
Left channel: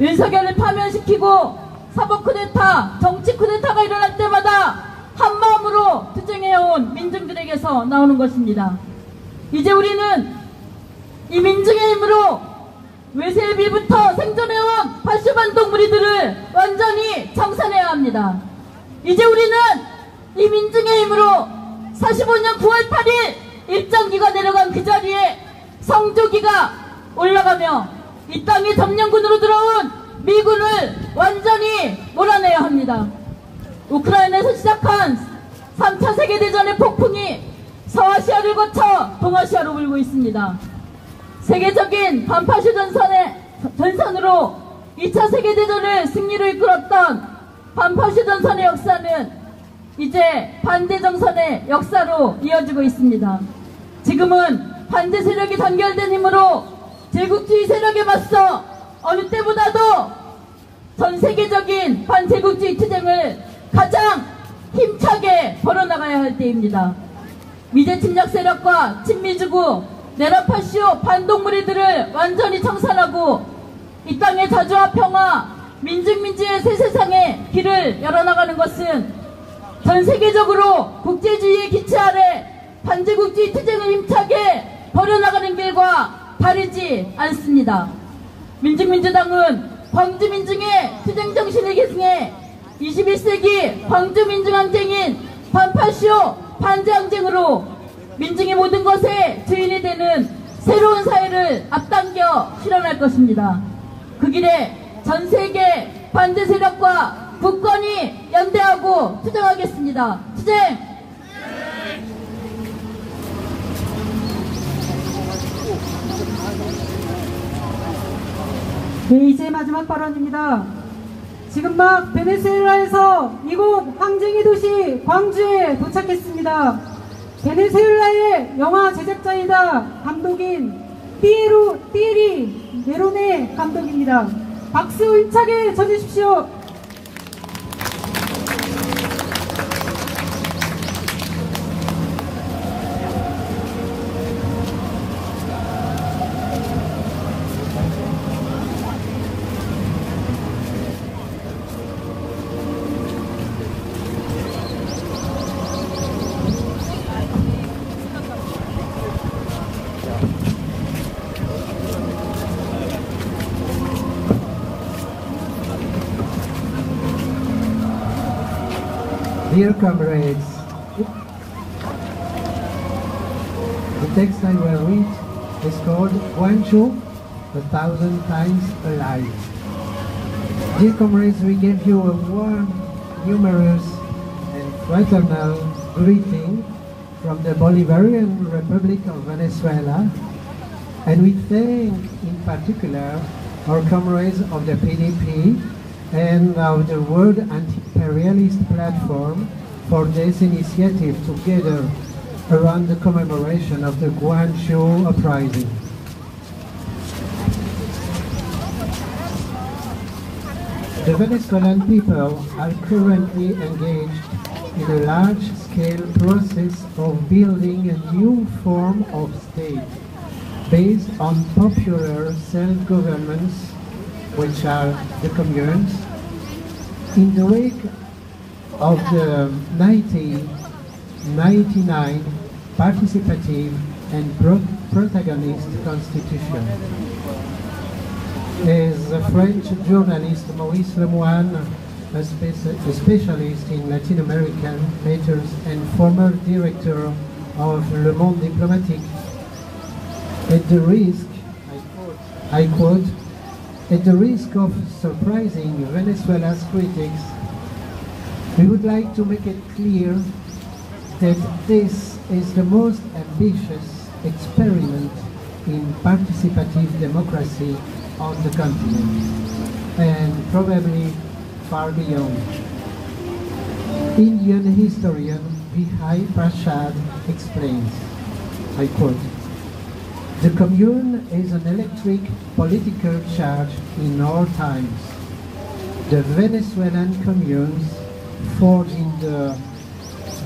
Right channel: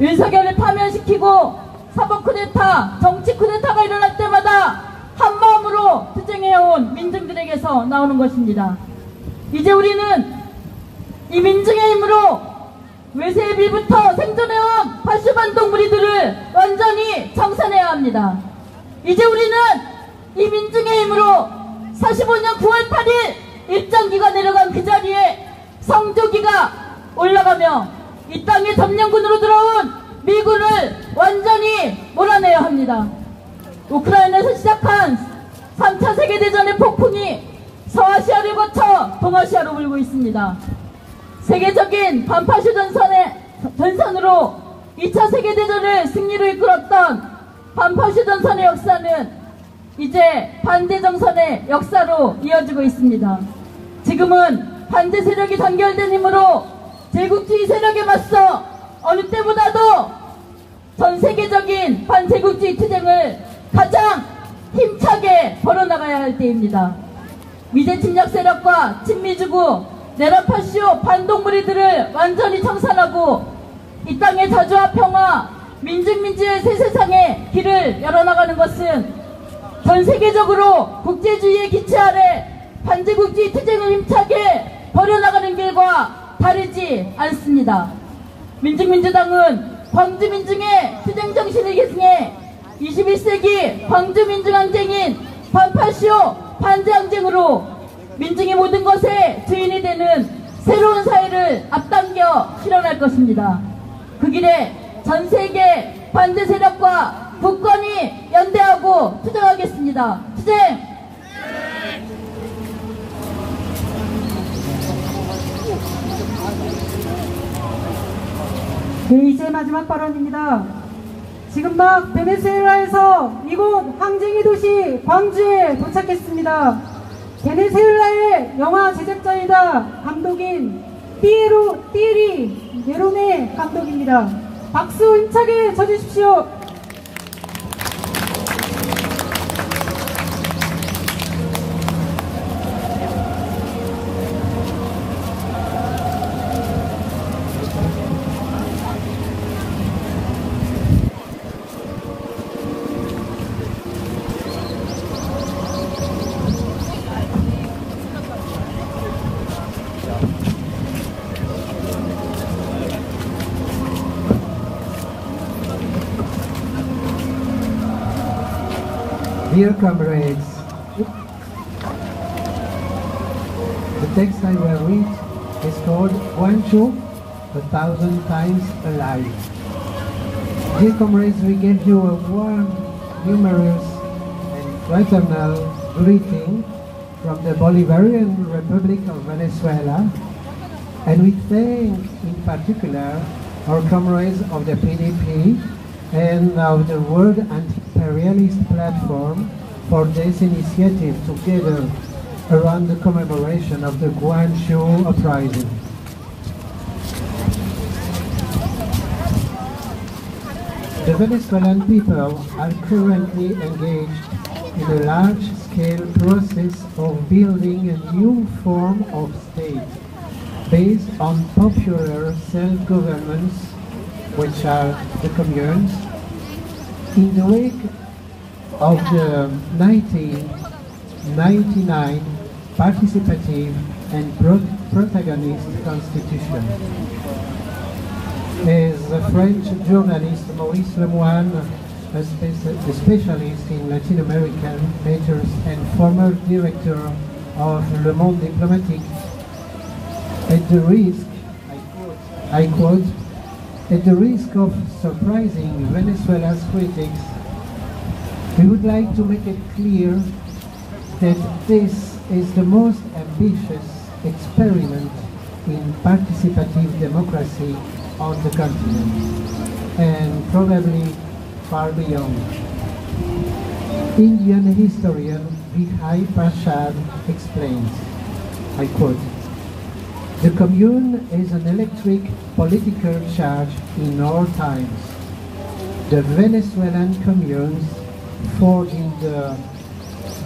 윤석열을 파면시키고 사법쿠데타, 정치쿠데타가 일어날 때마다 한마음으로 투쟁해온 민중들에게서 나오는 것입니다. 이제 우리는 이 민중의 힘으로 외세의 비부터 생존해온 파슈반동 무리들을 완전히 청산해야 합니다. 이제 우리는 이 민중의 힘으로 45년 9월 8일 일정기가 내려간 그 자리에 성조기가 올라가며 이 땅에 점령군으로 들어온 미군을 완전히 몰아내야 합니다. 우크라이나에서 시작한 3차 세계대전의 폭풍이 서아시아를 거쳐 동아시아로 불고 있습니다. 세계적인 반파슈 전선으로 2차 세계대전을 승리로 이끌었던 반파슈 전선의 역사는 이제 반대정선의 역사로 이어지고 있습니다. 지금은 반대 세력이 단결된 힘으로 제국주의 세력에 맞서 어느 때보다도 전 세계적인 반제국주의 투쟁을 가장 힘차게 벌어나가야 할 때입니다. 미제 침략 세력과 친미주구, 내란파쇼 반동무리들을 완전히 청산하고 이 땅의 자주와 평화, 민중민주의 새 세상에 길을 열어나가는 것은 전 세계적으로 국제주의의 기치 아래 반제국주의 투쟁을 힘차게 벌여나가는 길과 다르지 않습니다. 민중민주당은 광주민중의 투쟁정신을 계승해 21세기 광주민중항쟁인 반파쇼 반제항쟁으로 민중의 모든 것에 주인이 되는 새로운 사회를 앞당겨 실현할 것입니다. 그 길에 전세계 반대 세력과 국권이 연대하고 투쟁하겠습니다. 투쟁! 네, 이제 마지막 발언입니다. 지금 막 베네수엘라에서 이곳 항쟁이 도시 광주에 도착했습니다. 베네수엘라의 영화 제작자이다 감독인 띠에리 네로네 감독입니다. 박수 힘차게 쳐주십시오. Dear comrades, the text I will read is called Guangzhou, 1,000 Times Alive. Dear comrades, we give you a warm, humorous, and fraternal greeting from the Bolivarian Republic of Venezuela, and we thank in particular our comrades of the PDP and of the World Anti-Imperialist Platform for this initiative together around the commemoration of the Guangzhou uprising. The Venezuelan people are currently engaged in a large-scale process of building a new form of state based on popular self-governments, which are the communes. In the wake of the 1999 participative and protagonist constitution. As the French journalist Maurice Lemoine, a specialist in Latin American matters and former director of Le Monde Diplomatique, at the risk, I quote, at the risk of surprising Venezuela's critics, we would like to make it clear that this is the most ambitious experiment in participative democracy on the continent, and probably far beyond. Indian historian Vijay Prashad explains, I quote, "The commune is an electric political charge in our times. The Venezuelan communes forged in the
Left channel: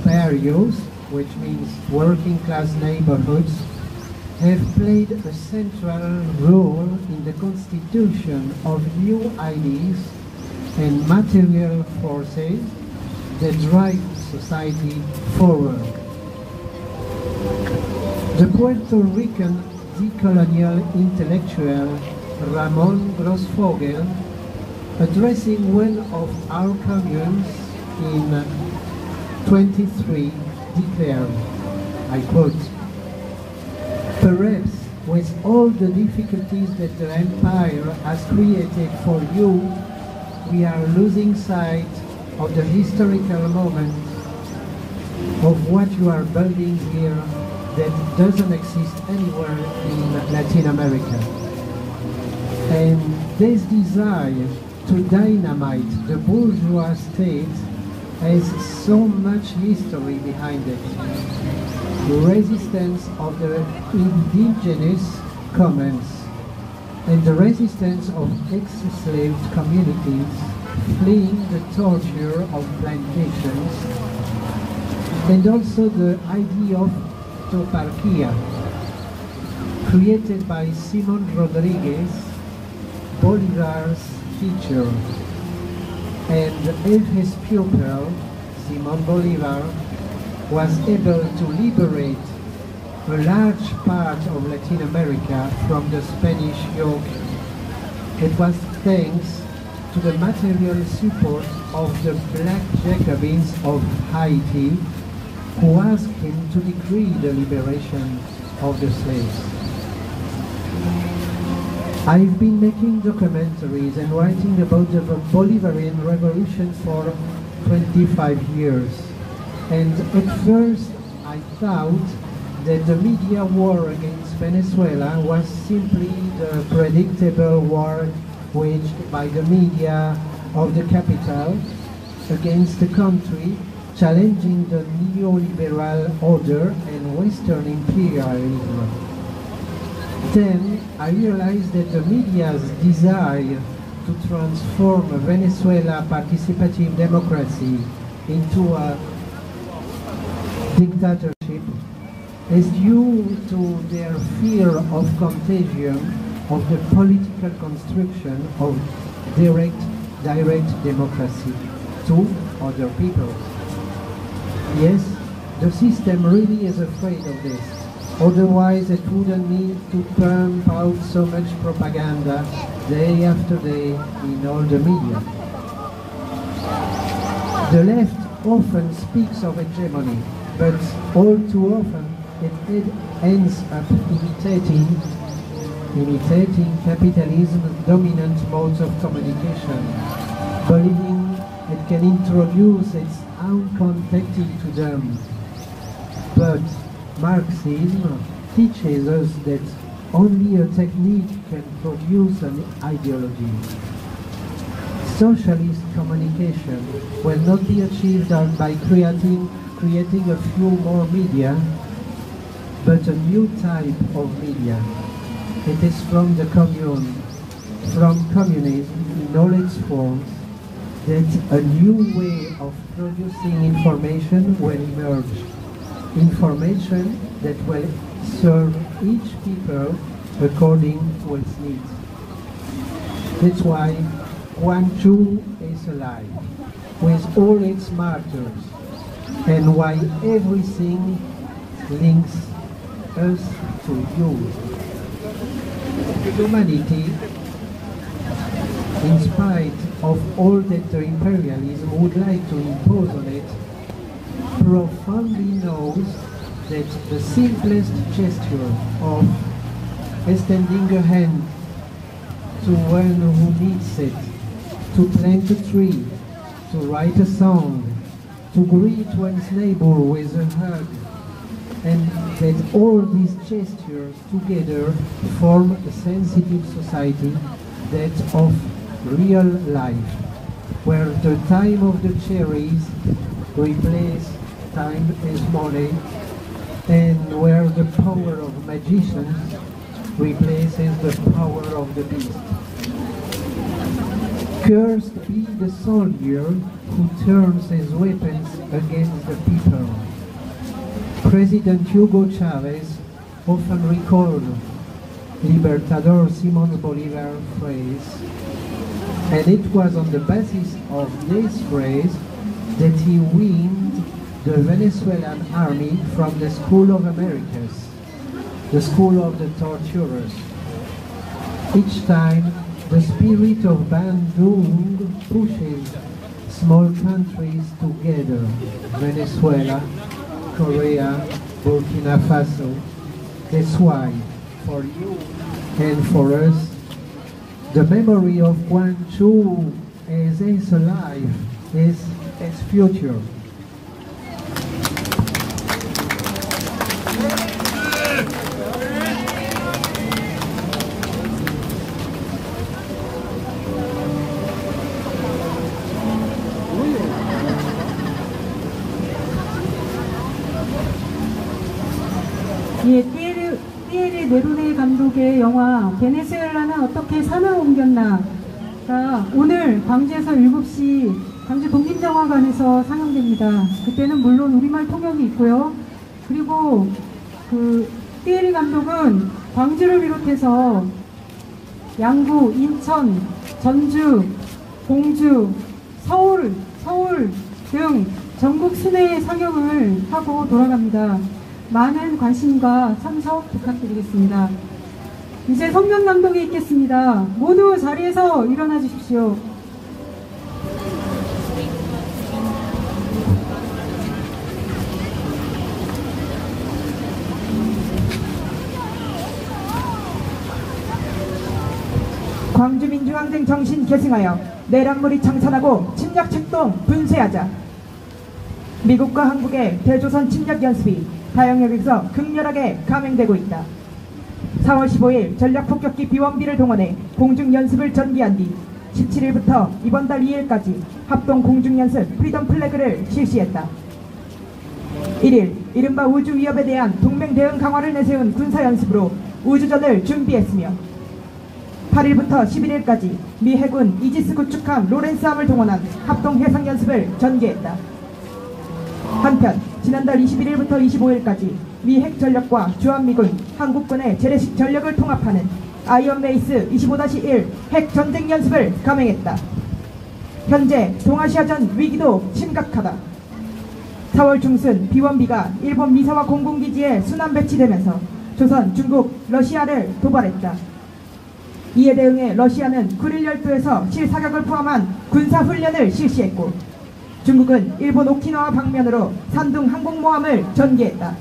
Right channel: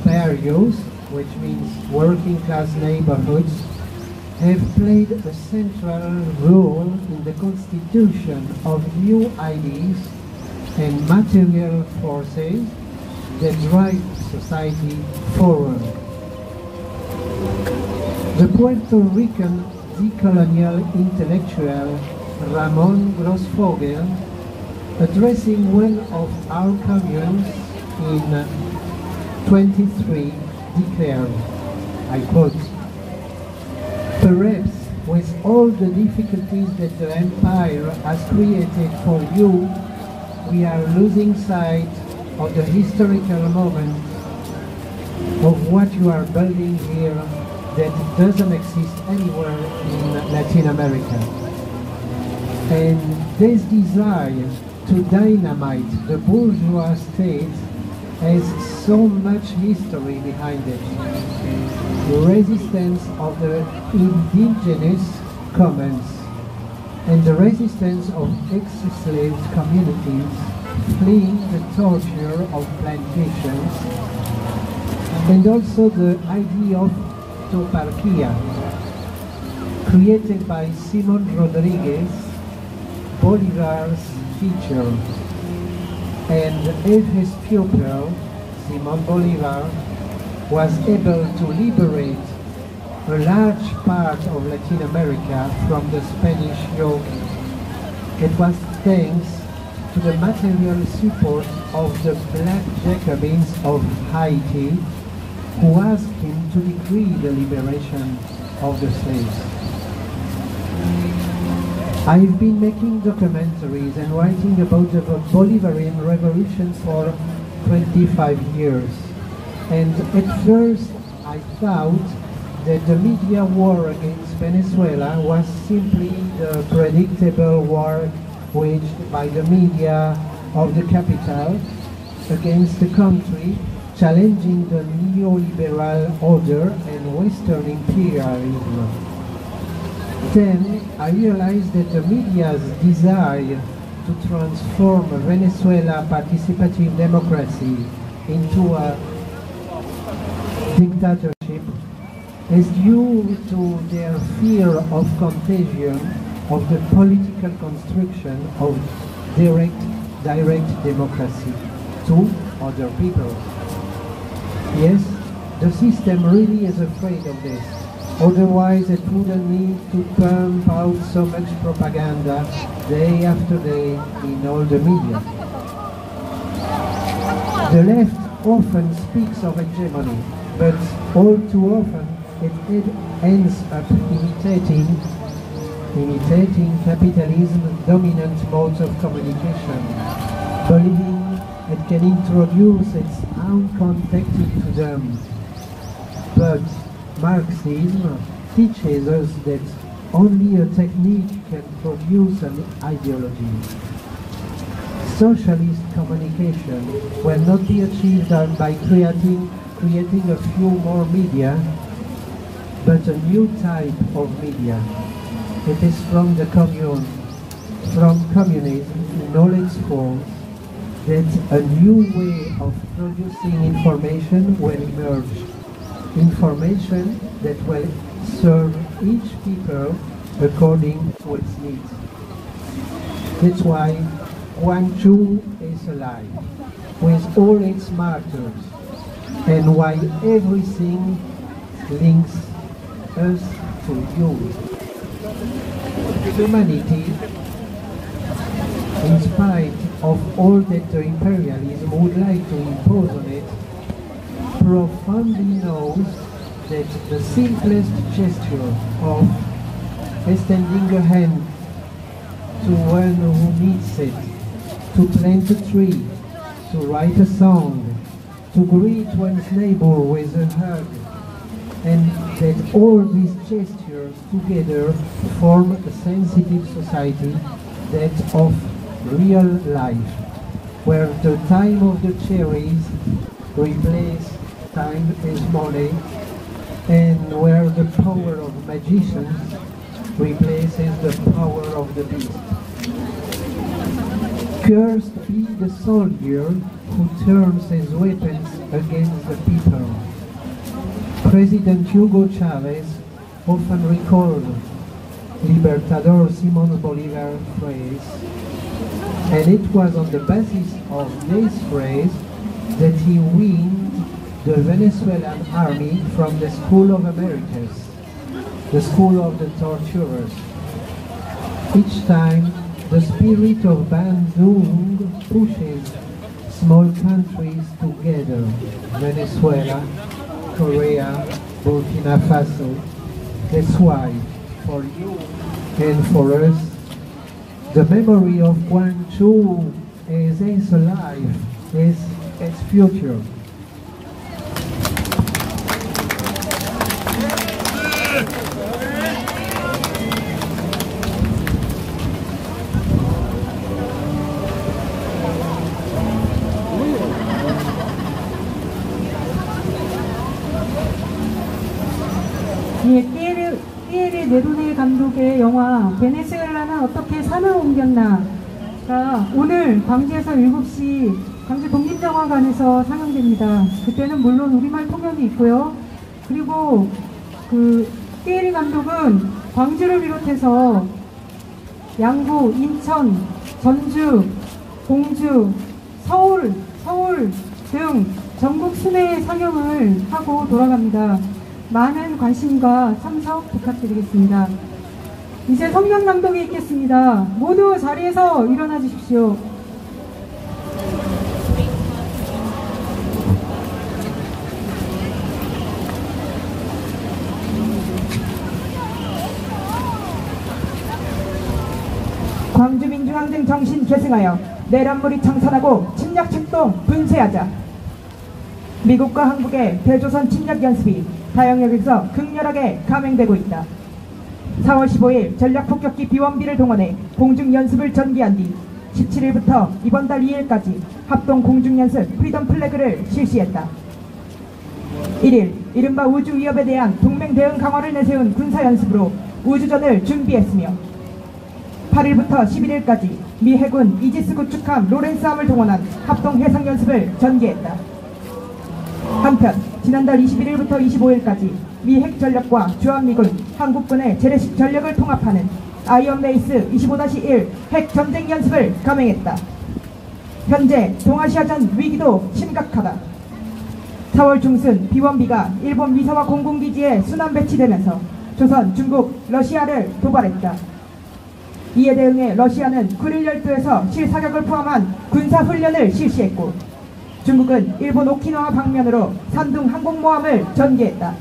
barrios, which means working class neighborhoods, have played a central role in the constitution of new ideas and material forces that drive society forward." The Puerto Rican decolonial intellectual Ramon Grossfogel, addressing one of our communes in 23, declared, I quote, "Perhaps with all the difficulties that the empire has created for you, we are losing sight of the historical moment of what you are building here that doesn't exist anywhere in Latin America. And this desire to dynamite the bourgeois state has so much history behind it. The resistance of the indigenous commons and the resistance of ex-enslaved communities fleeing the torture of plantations, and also the idea of toparquia, created by Simon Rodriguez, Bolivar's teacher, and if his pupil, Simon Bolivar, was able to liberate a large part of Latin America from the Spanish yoke, it was thanks to the material support of the Black Jacobins of Haiti, who asked him to decree the liberation of the slaves. I've been making documentaries and writing about the Bolivarian Revolution for 25 years. And at first I thought that the media war against Venezuela was simply the predictable war waged by the media of the capital against the country, challenging the neoliberal order and Western imperialism. Then I realized that the media's desire to transform Venezuela participative democracy into a dictatorship is due to their fear of contagion of the political construction of direct democracy to other people. Yes, the system really is afraid of this. Otherwise, it wouldn't need to pump out so much propaganda day after day in all the media. The left often speaks of hegemony, but all too often it ends up imitating capitalism's dominant modes of communication, believing it can introduce its own context into them. But Marxism teaches us that only a technique can produce an ideology. Socialist communication will not be achieved by creating a few more media, but a new type of media. It is from the communism, knowledge forms, that a new way of producing information will emerge. Information that will serve each people according to its needs. That's why Gwangju is alive, with all its martyrs, and why everything links us to you. Humanity, in spite of all that the imperialism would like to impose on it, profoundly knows that the simplest gesture of extending a hand to one who needs it, to plant a tree, to write a song, to greet one's neighbor with a hug, and that all these gestures together form a sensitive society, that of real life, where the time of the cherries replaces time as money, and where the power of magicians replaces the power of the beast. Cursed be the soldier who turns his weapons against the people. President Hugo Chavez often recalled Libertador Simón Bolívar's phrase, and it was on the basis of this phrase that he weaned the Venezuelan army from the School of Americas, the school of the torturers. Each time, the spirit of Bandung pushes small countries together, Venezuela, Korea, Burkina Faso. That's why, for you and for us, the memory of Gwangju is alive, is its future. 예, 띠에르 네루네 감독의 영화 베네수엘라는 어떻게 산을 옮겼나가 오늘 광주에서 7시 광주 독립영화관에서 상영됩니다. 그때는 물론 우리말 통역이 있고요. 그리고 그 띠에르 감독은 광주를 비롯해서 양구, 인천, 전주, 공주, 서울 등 전국 순회 상영을 하고 돌아갑니다. 많은 관심과 참석 부탁드리겠습니다. 이제 성명 낭독이 있겠습니다. 모두 자리에서 일어나 주십시오. 광주민주항쟁 정신 계승하여 내란물이 청산하고 침략 출동 분쇄하자. 미국과 한국의 대조선 침략 연습이 다영역에서 극렬하게 감행되고 있다. 4월 15일 전략폭격기 비원비를 동원해 공중연습을 전개한 뒤 17일부터 이번 달 2일까지 합동 공중연습 프리덤 플래그를 실시했다. 1일 이른바 우주위협에 대한 동맹 대응 강화를 내세운 군사연습으로 우주전을 준비했으며 8일부터 11일까지 미 해군 이지스 구축함 로렌스함을 동원한 합동 해상연습을 전개했다. 한편 지난달 21일부터 25일까지 미 핵전력과 주한미군, 한국군의 재래식 전력을 통합하는 아이언베이스 25-1 핵전쟁 연습을 감행했다. 현재 동아시아전 위기도 심각하다. 4월 중순 비원비가 일본 미사와 공군기지에 순환 배치되면서 조선, 중국, 러시아를 도발했다. 이에 대응해 러시아는 쿠릴 열도에서 실사격을 포함한 군사훈련을 실시했고 중국은 일본 오키나와 방면으로 산둥 항공모함을 전개했다.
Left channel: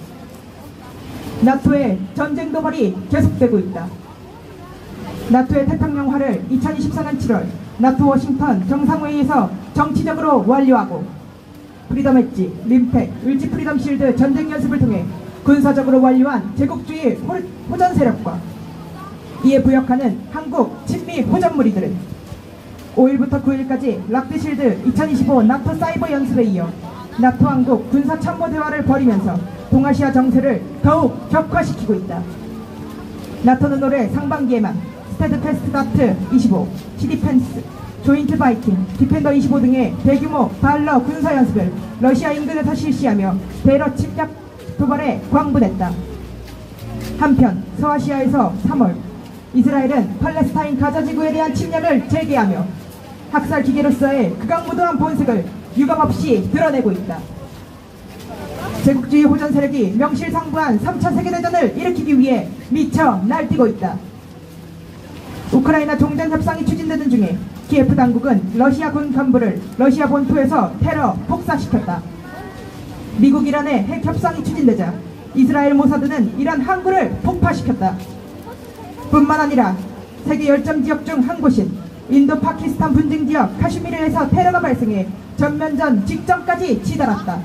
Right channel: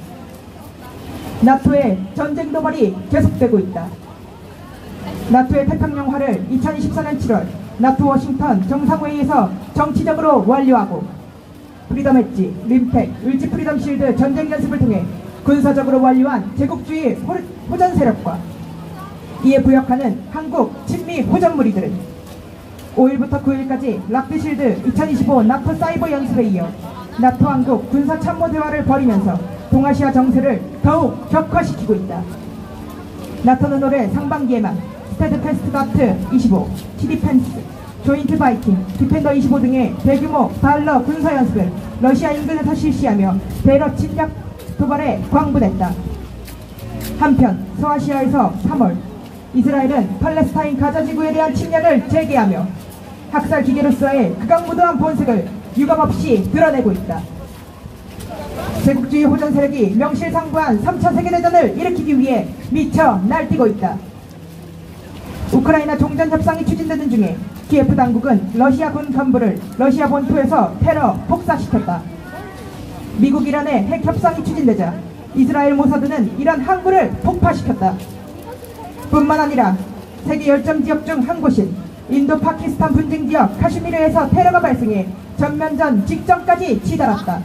나토의 전쟁 도발이 계속되고 있다. 나토의 태평양화를 2024년 7월 나토 워싱턴 정상회의에서 정치적으로 완료하고 프리덤 엣지, 림텍, 을지 프리덤 실드 전쟁 연습을 통해 군사적으로 완료한 제국주의 호전 세력과 이에 부역하는 한국 친미 호전무리들은 5일부터 9일까지 락비실드 2025 나토 사이버 연습에 이어 나토 한국 군사 참모 대화를 벌이면서 동아시아 정세를 더욱 격화시키고 있다. 나토는 올해 상반기에만 스테드패스트다트 25, 시디펜스, 조인트 바이킹, 디펜더 25 등의 대규모 발러 군사연습을 러시아 인근에서 실시하며 대러 침략 도발에 광분했다. 한편 소아시아에서 3월 이스라엘은 팔레스타인 가자 지구에 대한 침략을 재개하며 학살 기계로서의 극악무도한 본색을 유감없이 드러내고 있다. 제국주의 호전 세력이 명실상부한 3차 세계대전을 일으키기 위해 미쳐 날뛰고 있다. 우크라이나 종전 협상이 추진되는 중에 키예프 당국은 러시아 군 간부를 러시아 본토에서 테러 폭사시켰다. 미국 이란의 핵 협상이 추진되자 이스라엘 모사드는 이란 항구를 폭파시켰다. 뿐만 아니라 세계 열점 지역 중 한 곳인 인도 파키스탄 분쟁 지역 카슈미르에서 테러가 발생해 전면전 직전까지 치달았다.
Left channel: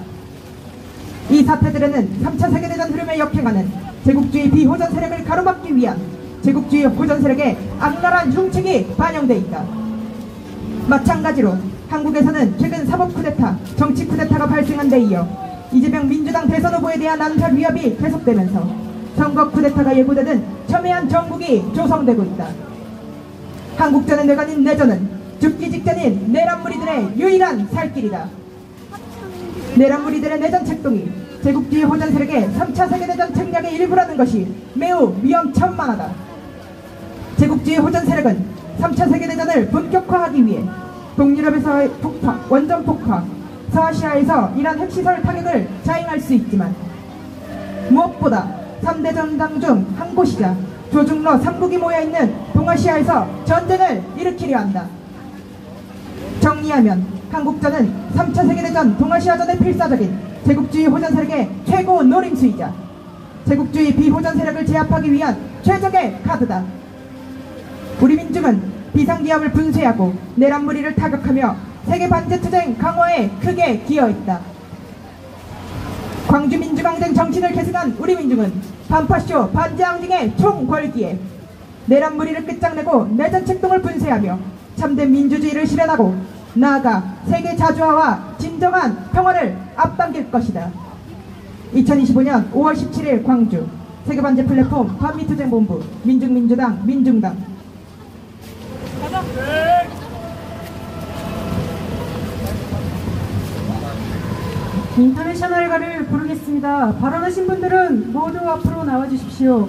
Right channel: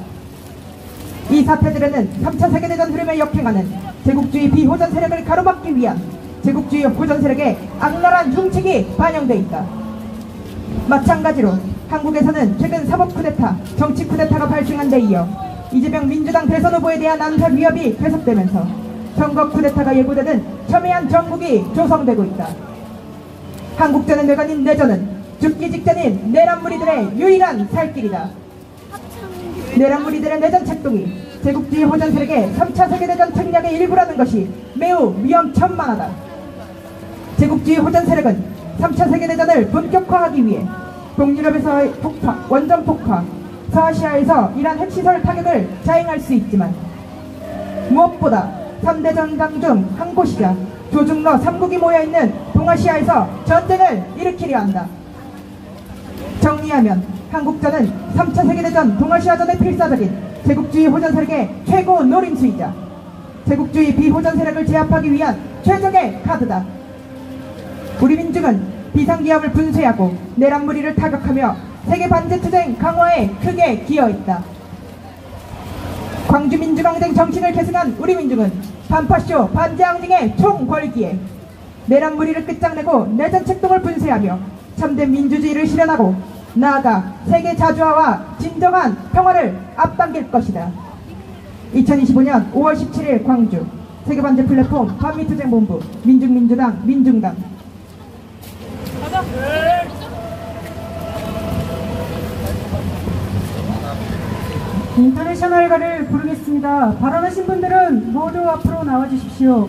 이 사태들에는 3차 세계대전 흐름에 역행하는 제국주의 비호전 세력을 가로막기 위한 제국주의 호전 세력의 악랄한 흉책이 반영돼 있다. 마찬가지로 한국에서는 최근 사법 쿠데타, 정치 쿠데타가 발생한 데 이어 이재명 민주당 대선 후보에 대한 암살 위협이 계속되면서 선거 쿠데타가 예고되는 첨예한 정국이 조성되고 있다. 한국전의 뇌관인 내전은 죽기 직전인 내란무리들의 유일한 살길이다. 내란무리들의 내전 책동이 제국주의 호전 세력의 3차 세계대전 책략의 일부라는 것이 매우 위험천만하다. 제국주의 호전 세력은 3차 세계대전을 본격화하기 위해 동유럽에서의 폭파, 원전 폭파, 서아시아에서 이란 핵시설 타격을 자행할 수 있지만 무엇보다 3대 전장 중 한 곳이자 조중러 3국이 모여있는 동아시아에서 전쟁을 일으키려 한다. 정리하면 한국전은 3차 세계대전 동아시아전의 필사적인 제국주의 호전 세력의 최고 노림수이자 제국주의 비호전 세력을 제압하기 위한 최적의 카드다. 우리 민중은 비상기업을 분쇄하고 내란무리를 타격하며 세계 반제투쟁 강화에 크게 기여했다. 광주민주항쟁 정신을 계승한 우리 민중은 반파쇼 반제항쟁의 총궐기에 내란무리를 끝장내고 내전 책동을 분쇄하며 참된 민주주의를 실현하고 나아가 세계 자주화와 진정한 평화를 앞당길 것이다. 2025년 5월 17일 광주 세계반제 플랫폼 반미투쟁본부 민중민주당 민중당. 인터내셔널가를 부르겠습니다. 발언하신 분들은 모두 앞으로 나와주십시오.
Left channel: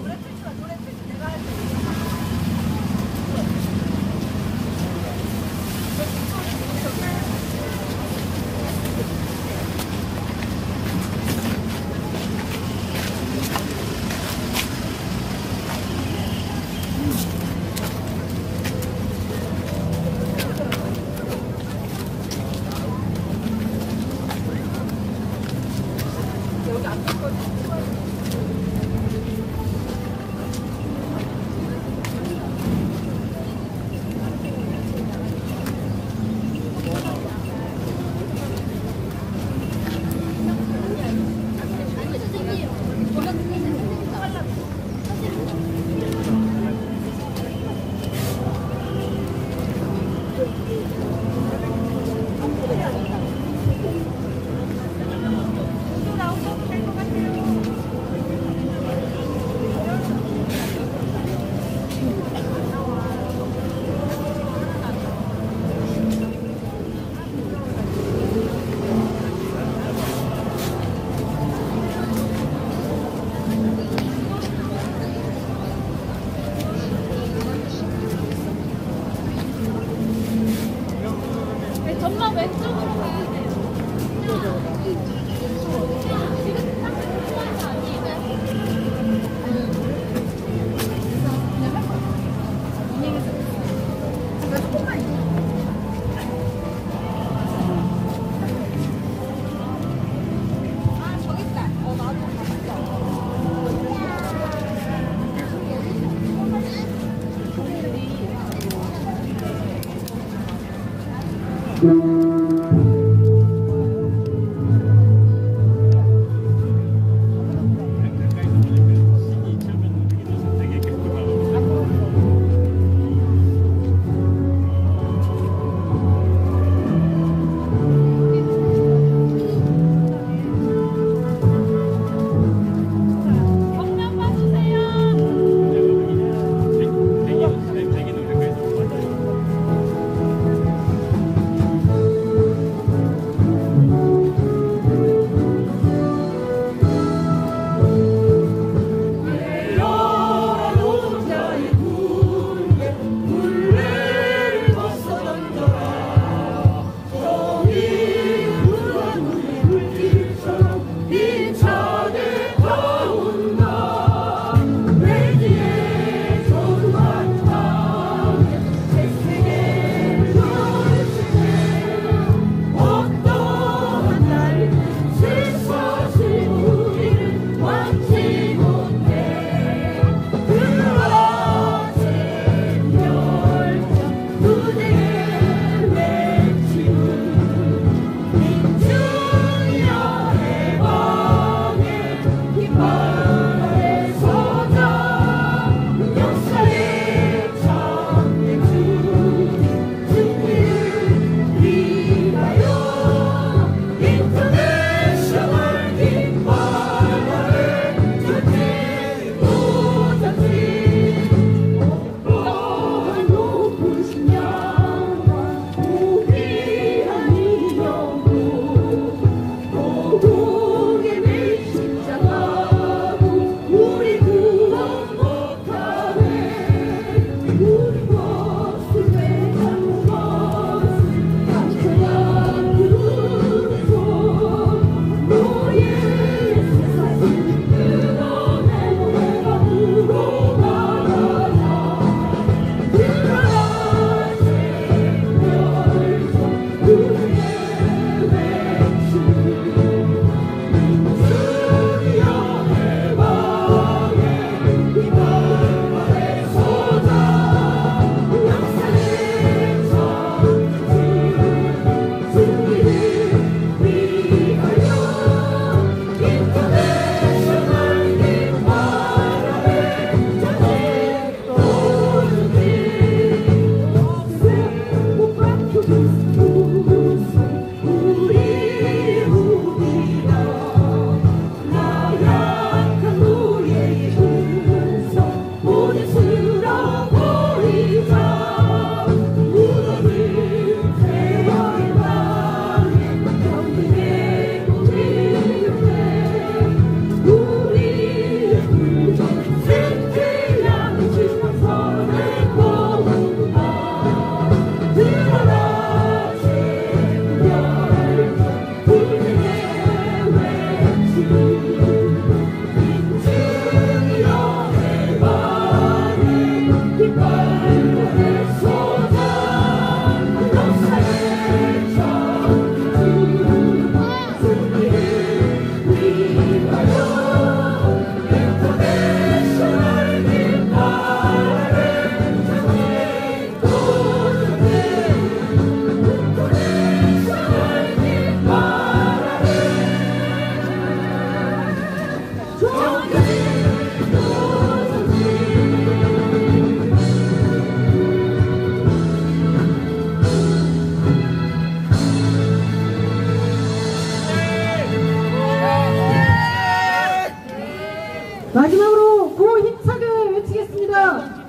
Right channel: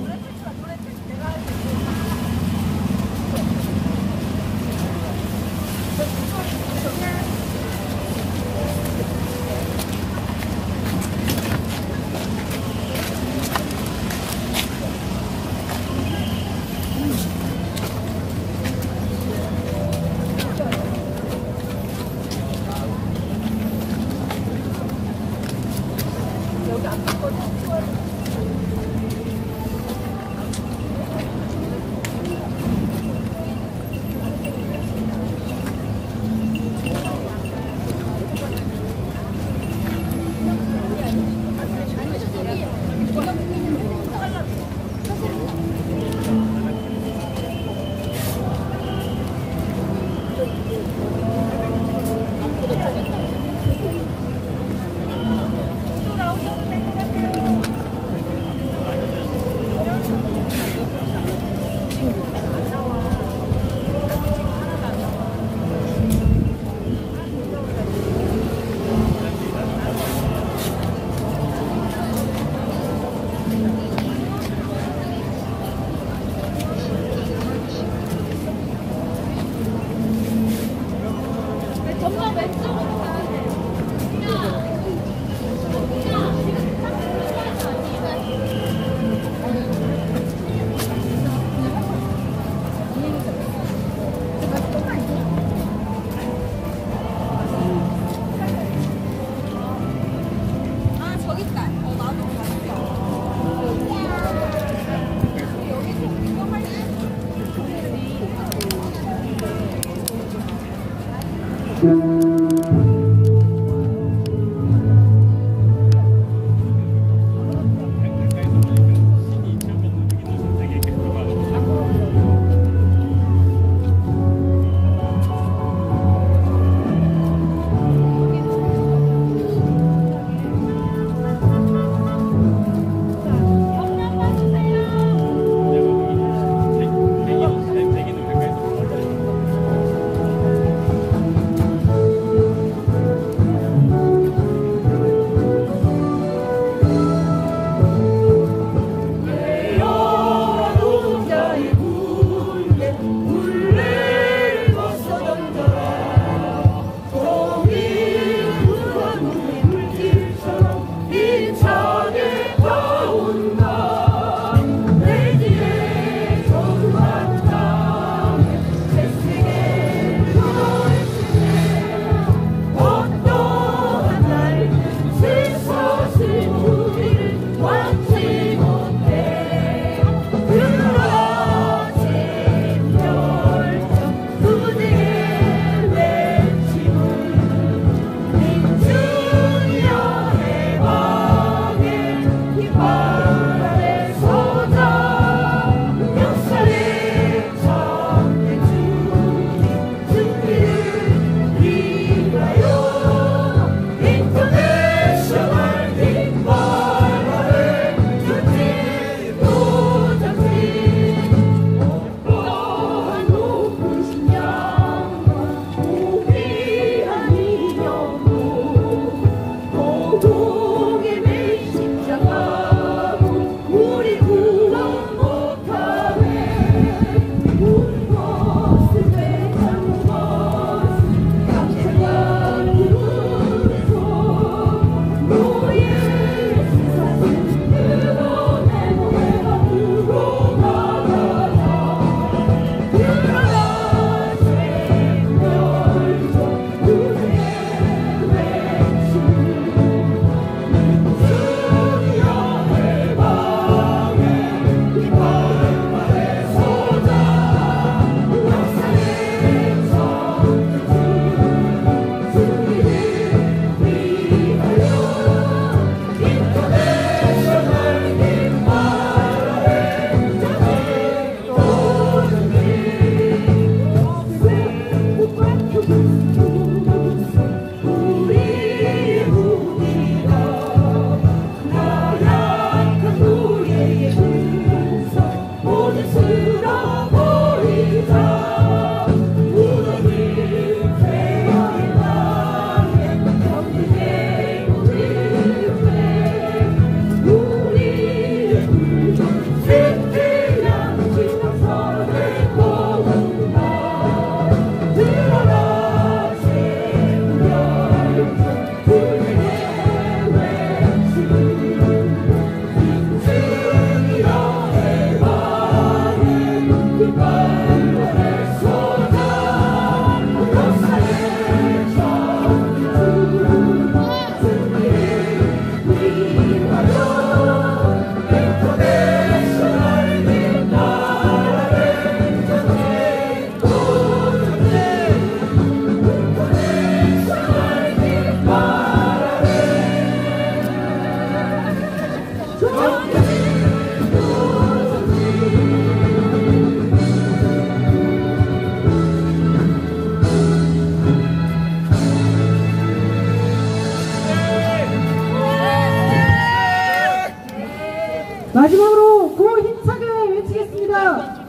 마지막으로 고 힘차게 외치겠습니다.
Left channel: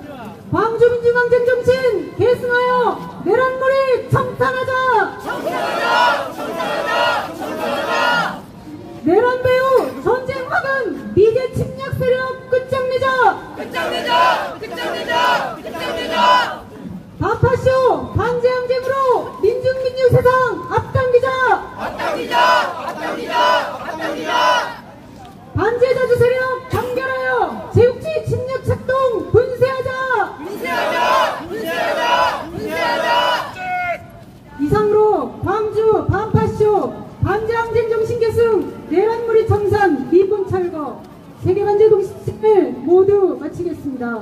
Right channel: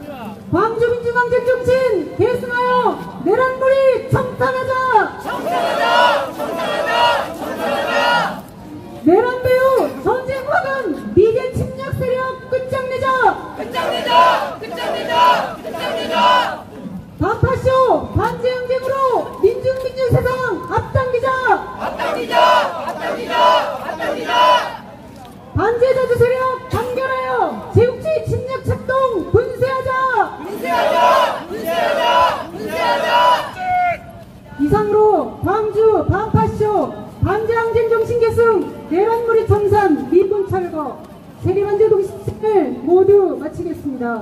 광주민주항쟁 정신 계승하여 내란물이 청산하자! 청산하자! 청산하자! 청산하자! 내란배후 전쟁화근 미제 침략 세력 끝장내자! 끝장내자! 끝장내자! 끝장내자! 반파쇼 반제항쟁으로 민중민주 세상 앞당기자! 앞당기자! 앞당기자! 앞당기자! 반제자주 세력 단결하여 제국지 침략策동 분쇄하자! 분쇄하자! 분쇄하자! 분쇄하자! 이상으로 광주 반파쇼 반제항쟁 정신 계승 내란물이 청산 미풍 철거 세계반제 동시를 모두 마치겠습니다.